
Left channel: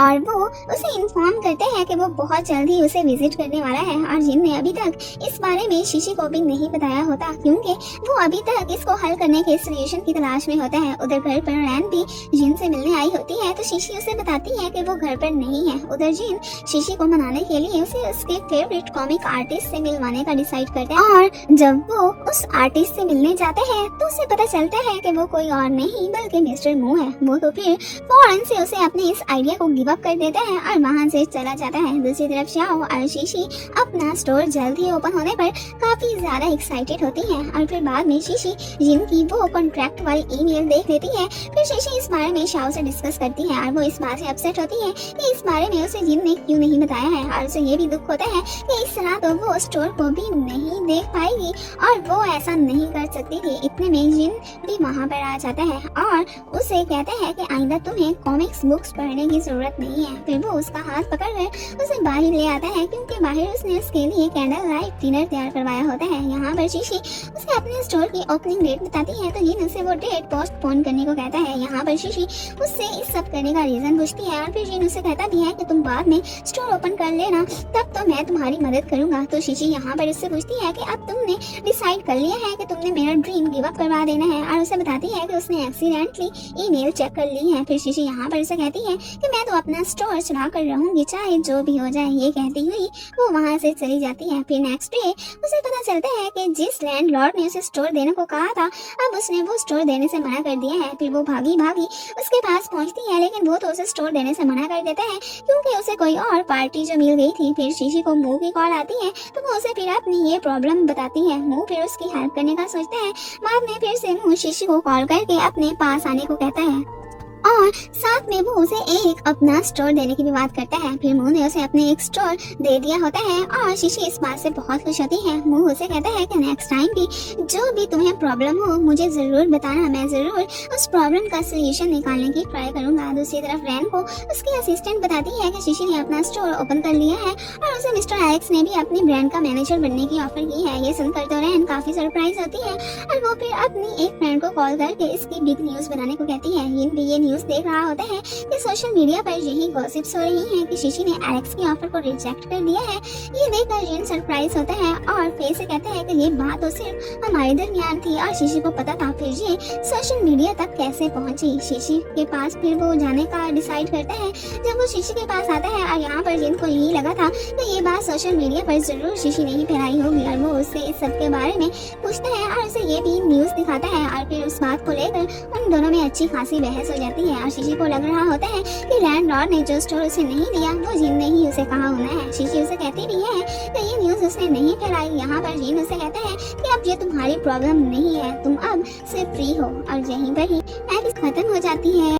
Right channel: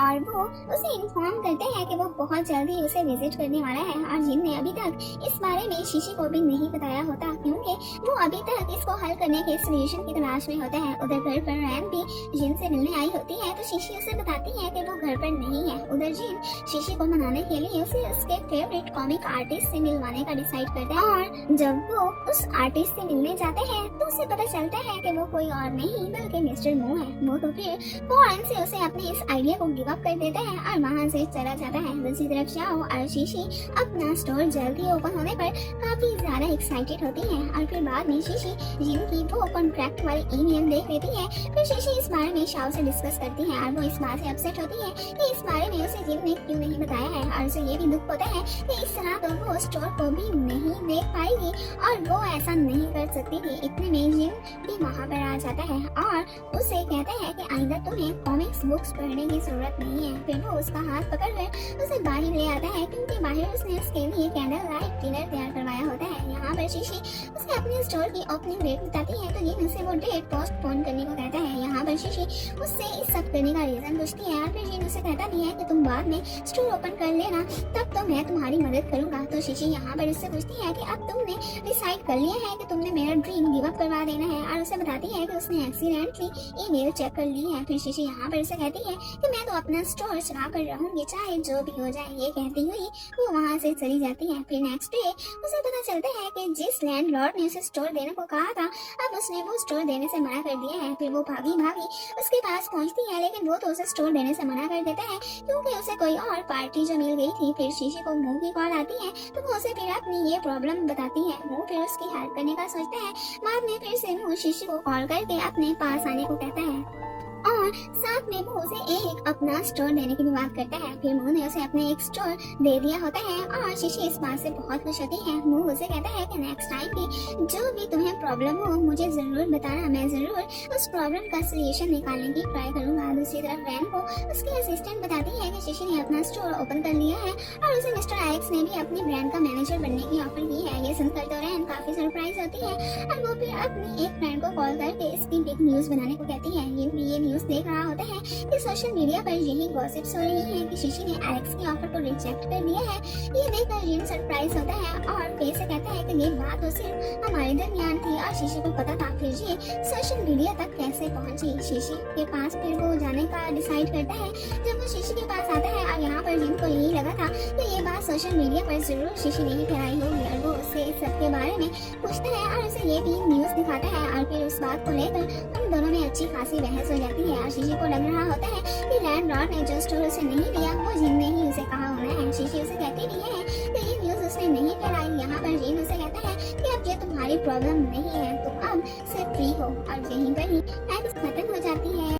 और वो उसे इन्फॉर्म करते हैं कि वो बहुत जल्दी उसे विजिट करने वाला है और जिन ने अभी तक इस बारे में शीशी को भी नहीं बताया होता क्योंकि वो अभी तक इसको हल करने के सोल्यूशन की तलाश में होता है। उधर घर पर रैन भी जिन से मिलने आई होती है तो शीशी उसे बताती है कि वो घर पर नहीं है। उधर जिन शीशी को मनाने के लिए उसे उसके फेवरेट कॉमिक आर्टिस्ट से मिलवाने का डिसाइड करता है और जब वो उस आर्टिस्ट से मिलने जाते हैं तो उसे पता चलता है कि वो कोई और नहीं बल्कि मिस्टर मू है। वो तो फिर फौरन से उसे अपने इस आइडिया को गिव अप कर देता है और वहाँ से चला जाता है। दूसरी तरफ शाओ और शीशी अपना स्टोर जल्दी ओपन होने पर काफी ज्यादा एक्साइटेड होती है और फिर बाद में शीशी जिनकी वो कॉन्ट्रैक्ट वाली ईमेल देख लेती है। फिर शीशी इस बारे में शाओ से डिस्कस करती है और वो इस बात से अपसेट होती है कि इस बारे में उसे जिन ने क्यों नहीं बताया है और उसे ये भी दुख होता है कि इस तरह तो वो स्टोर को भी नहीं देख पाएगी और वो ऐसा नहीं कर सकती थी। इतने में जिन भी वहाँ पर आ जाता है और उसे कहता है कि आइंदा तुम्हें कॉमिक्स बुक्स पढ़ने की जरूरत नहीं है। फिर वो उसका हाथ पकड़कर उसे बाहर ले आता है क्योंकि बाहर उसने उसके लिए कैंडल लाइट डिनर तैयार करवाया होता है। यहाँ पर शीशी उसे अपने स्टोर की ओपनिंग डेट बताती है तो जिन उसे वो डेट पोस्टपोन करने को कहता है। यहाँ पर शीशी उससे इस सब करने का रीजन पूछती है और फिर जिन उसे कहता भी है कि तुम बाद में स्टोर ओपन कर लेना, तब तो मैं तुम्हारी मदद करूंगा। तो शीशी यहाँ पर उससे पूछती है कि अब तुमने डिसाइड कर लिया है कि तुमने मेरा ड्रीम गिव अप करवा देना है और उसे बताती है कि उसने एक्सीडेंटली ईमेल चेक कर ली है। फिर शीशी यहाँ पर उसे कहती है कि मैं तो अपना स्टोर चुरा कर रहूंगी चाहे जो भी हो जाए। ये कहती हुई वो वहाँ से चली जाती है। फिर नेक्स्ट डे उसे पता चलता है कि जिस लैंडलॉर्ड ने उसे स्टोर देने को कहा था अब उसने वो स्टोर देने से मना कर दिया है। फिर वो भागी भागी उसके पास पहुँचती है लेकिन वो तो उसे स्टोर देने से मना कर देता है क्योंकि उसे कोई और पार्टी जो मिल गई थी। फिर शीशी को मुंह की कॉल आती है तो वो उसे फिर अपनी ये प्रॉब्लम बताती है। मुंह फिर उसकी हेल्प करने का सोचता है। बाद में फिर से मुंह शीशी को कॉल करके अपने पास आने को कहता है और साथ में वो उसे एक अपना स्टोर देने की भी बात करता है। फिर मुंह ने उसे अपने एक स्टोर दे दिया होता है और शीशी इस बात से बहुत खुश होती है। मुंह उसे कहता है कि नेक्स्ट टाइम भी जो भी तुम्हें प्रॉब्लम हो मुझे जरूर बताना, मैं जरूर उस प्रॉब्लम का सोल्यूशन निकालने की ट्राई करूंगा। दूसरी तरफ रैन को उसकी असिस्टेंट बताती है कि शीशी ने अपना स्टोर ओपन कर लिया है और उसे मिस्टर एलेक्स ने भी अपनी ब्रांड का मैनेजर बनने की ऑफर की है। ये सुनकर तो रैन काफी सरप्राइज होती है और वो फिर अपनी एक फ्रेंड को कॉल करके इसकी बिग न्यूज बनाने को कहती है। ये न्यूज देख रहा होता है कि सोशल मीडिया पर यही गॉसिप्स हो रही हैं कि शीशी ने एलेक्स की ऑफर को रिजेक्ट कर दिया है। ये देखकर जिन सरप्राइज होता है और फेस से कहता है कि ये बात तो सिर्फ हमारे दरमियान थी और शीशी को पता था। फिर ये सोशल मीडिया तक कैसे पहुंची शीशी के पास फिर वो जाने का डिसाइड करता है। जब वो शीशी के पास आता है और यहाँ पर जिनको यही लगा था कि ये बात सोशल मीडिया पर जरूर शीशी ने ही फैलाई होगी और वो उससे इस सब के बारे में पूछता है और उसे ये भी न्यूज दिखाता है और फिर उस बात को लेकर उन दोनों में अच्छी खासी बहस हो जाती है। और शीशी को लग रहा होता है कि लैंडलॉर्ड ने जो स्टोर उसे नहीं दिया वो जीन ने ही उसे कहा होना है। शीशी उसे कहती भी है तो ये न्यूज उसने नहीं फैलाई। यहाँ पर जीन उसे कहता है कि अब ये तुम्हारी प्रॉब्लम नहीं है, तुम अब से फ्री हो और यहीं पर ही एपिसोड खत्म हो जाती है।